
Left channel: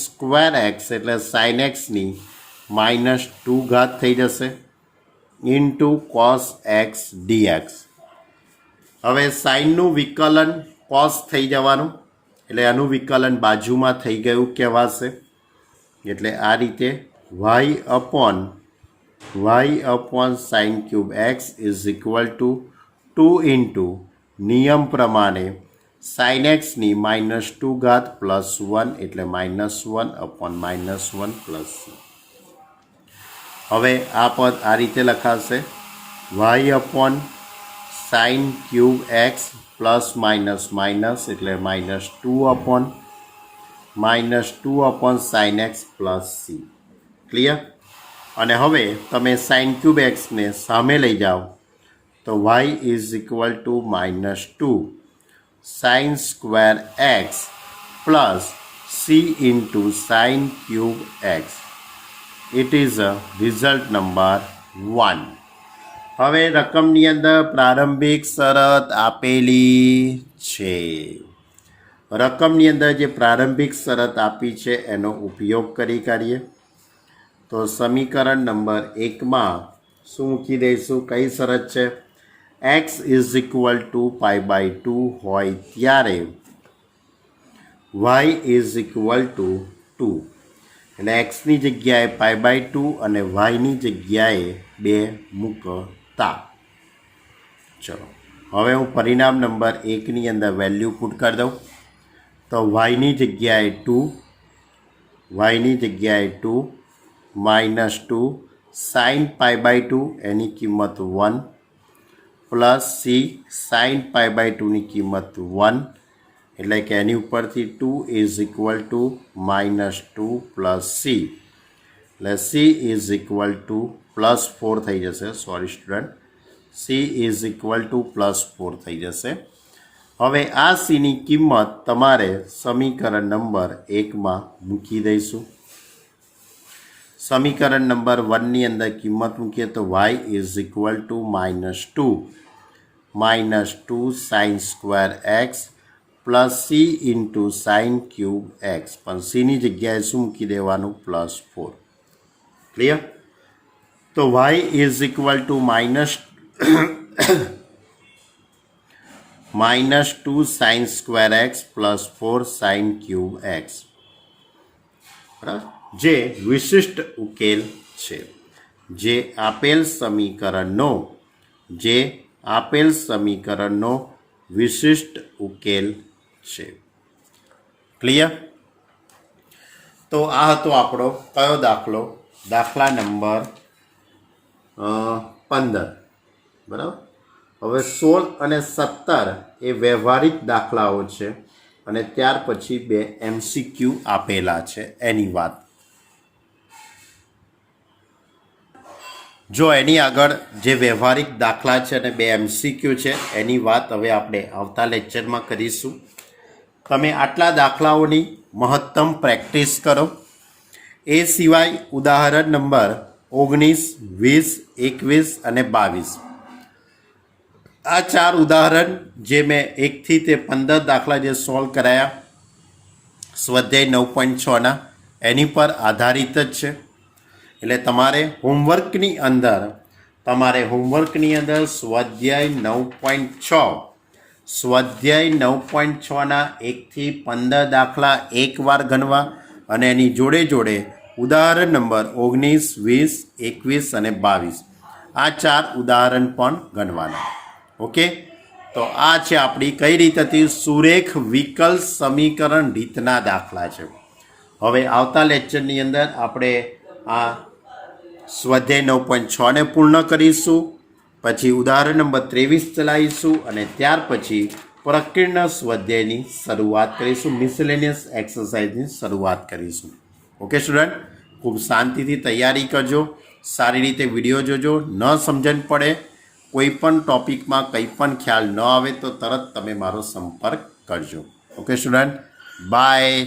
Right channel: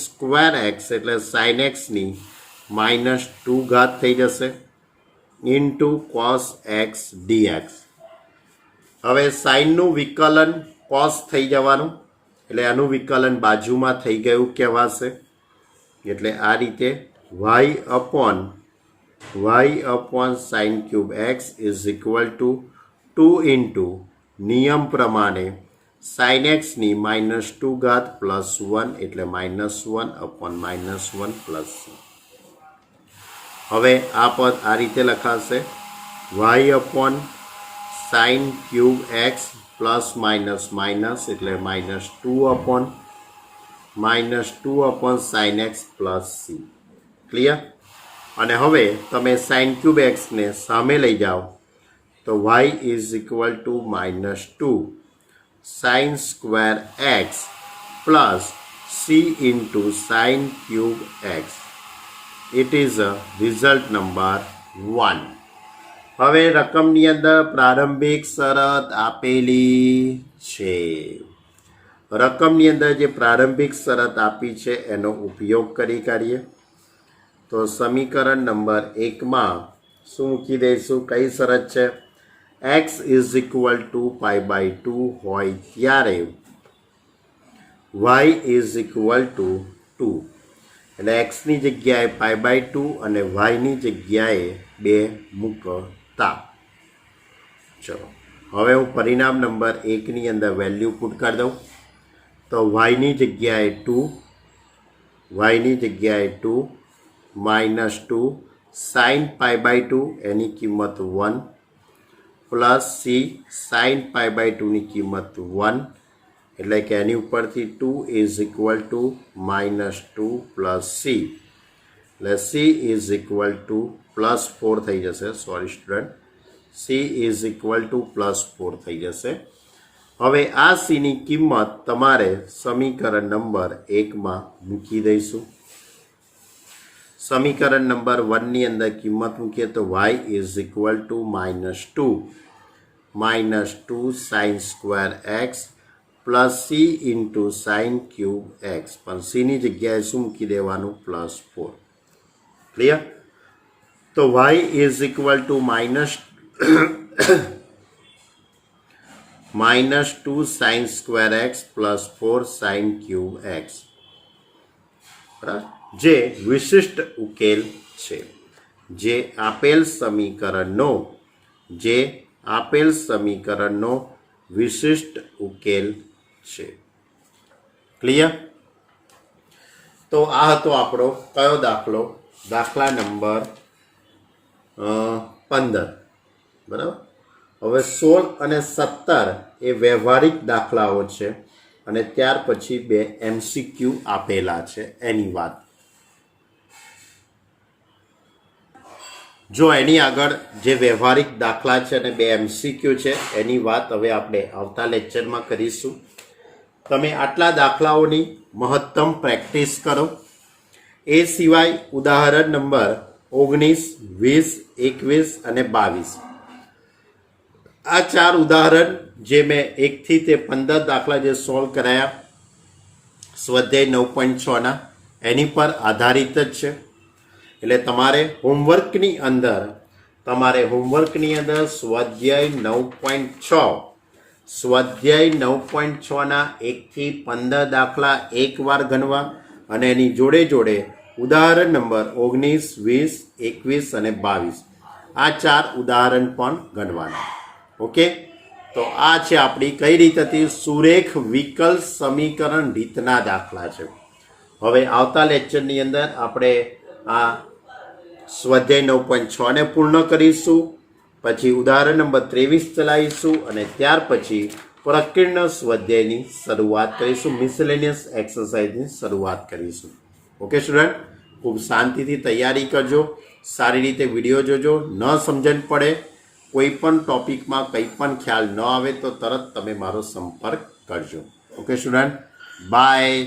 સ્ક્વેર એક્સ એટલે સાઇન એક્સની -2 ઘાત થઈ જશે ઇન્ટુ કોસ એક્સ ડીએક્સ. હવે સાઇનનું વિકલન કોસ થઈ જવાનું એટલે આનું વિકલન બાજુમાં થઈ ગયું કહેવાશે. એટલે આ રીતે y upon sine cube x is equal to 2 into નિયમ પ્રમાણે સાઇન એક્સની -2 ઘાત પ્લસ 1 એટલે -1 અપોન -1 પ્લસ c. હવે આ પદ આ રીતે લખાશે y upon sine cube x plus minus એટલે -2 upon sine x plus C. Clear? અને હવે તમે સાઇન ક્યુબ એક્સને સામે લઈ જાઓ તો y is equal to -2 sine square x plus c into sine cube x. It is result number 1. હવે રકમની અંદર પ્રારંભિક શરત આપેલી છે. રકમની અંદર જે પ્રારંભિક શરત આપી છે એનો ઉપયોગ કરી કાઢીએ. તો સમીકરણ નંબર 1માં શું મૂકી દઈશું? કઈ શરત છે? એક્સ ઇઝ ઇક્વલ ટુ π/2 હોય ત્યારે વાય ઇઝ ઇક્વલ ટુ 2 એટલે એક્સની જગ્યાએ π/2 અને વાયની જગ્યાએ 2 મૂકતા. ચલો હવે હું પરિણામ નંબર 1ની અંદર વેલ્યુ પુટ કરી દઉં. તો વાયની જગ્યાએ 2 -2 સાઇન π/2 એની કિંમત 1 પ્લસ સી સાઇન π/2ની કિંમત 1 એટલે કે એની ઉપરથી 2 is equal to -2 plus C એટલે સી ઇઝ ઇક્વલ ટુ +4 થઈ જશે. Sorry student, C is equal two +4 થઈ જશે. હવે આ સીની કિંમત તમારે સમીકરણ નંબર 1માં મૂકી દઈશું. સમીકરણ નંબર 1ની અંદર કિંમત મૂકીએ તો y is equal to -2 sine square x plus c into sine cube x, પણ સીની જગ્યાએ શું મૂકી દેવાનું? +4. ક્લિયર? તો y is equal to -2 sine square x plus 4 sign cube x, બરાબર, જે વિશિષ્ટ ઉકેલ છે. જે આપેલ સમીકરણનો વિશિષ્ટ ઉકેલ છે. ક્લિયર? તો આ હતો આપણો કયો દાખલો? દાખલા નંબર 15. બરાબર. હવે 16 અને 17 એ વ્યવહારિક દાખલાઓ છે અને ત્યાર પછી 2 MCQ આપેલા છે એની વાત. જો એની આગળ જે વ્યવહારિક દાખલા છે અને 2 MCQ છે એની વાત હવે આપણે આવતા લેક્ચરમાં કરીશું. તમે આટલા દાખલાઓની મહત્તમ પ્રેક્ટિસ કરો. એ સિવાય ઉદાહરણ નંબર 19, 20, 21 અને 22, આ 4 ઉદાહરણ જે મેં 1 થી તે 15 દાખલા જે સોલ્વ કરાયા સ્વાધ્યાય 9.6ના, એની પર આધારિત જ છે. એટલે તમારે હોમવર્કની અંદર સ્વાધ્યાય 9.6ના 1 થી 15 દાખલા એકવાર ગણવા અને એની જોડે જોડે ઉદાહરણ નંબર 19, 20, 21 અને 22, આ 4 ઉદાહરણ પણ ગણવાના. ઓકે, તો આ છે આપણી કઈ રીત હતી? સુરેખ વિકલ સમીકરણ રીતના દાખલા છે. હવે આવતા લેક્ચરની અંદર આપણે આ સ્વાધ્યાય 9.6 ને પૂર્ણ કરીશું, પછી ઉદાહરણ નંબર 23 ચલાવીશું અને ત્યાર પછી પ્રકીર્ણ સ્વાધ્યાયની શરૂઆત કરીશું, મિસેલેનિયસ એક્સરસાઇઝની શરૂઆત કરીશું. ઓકે સ્ટુડન્ટ, ખૂબ શાંતિથી તૈયારી કરજો, સારી રીતે વિડીયો જોજો. ન સમજણ પડે, કોઈ પણ ટોપિકમાં કંઈ પણ ખ્યાલ ન આવે તો તરત તમે મારો સંપર્ક કરજો. Okay student, by.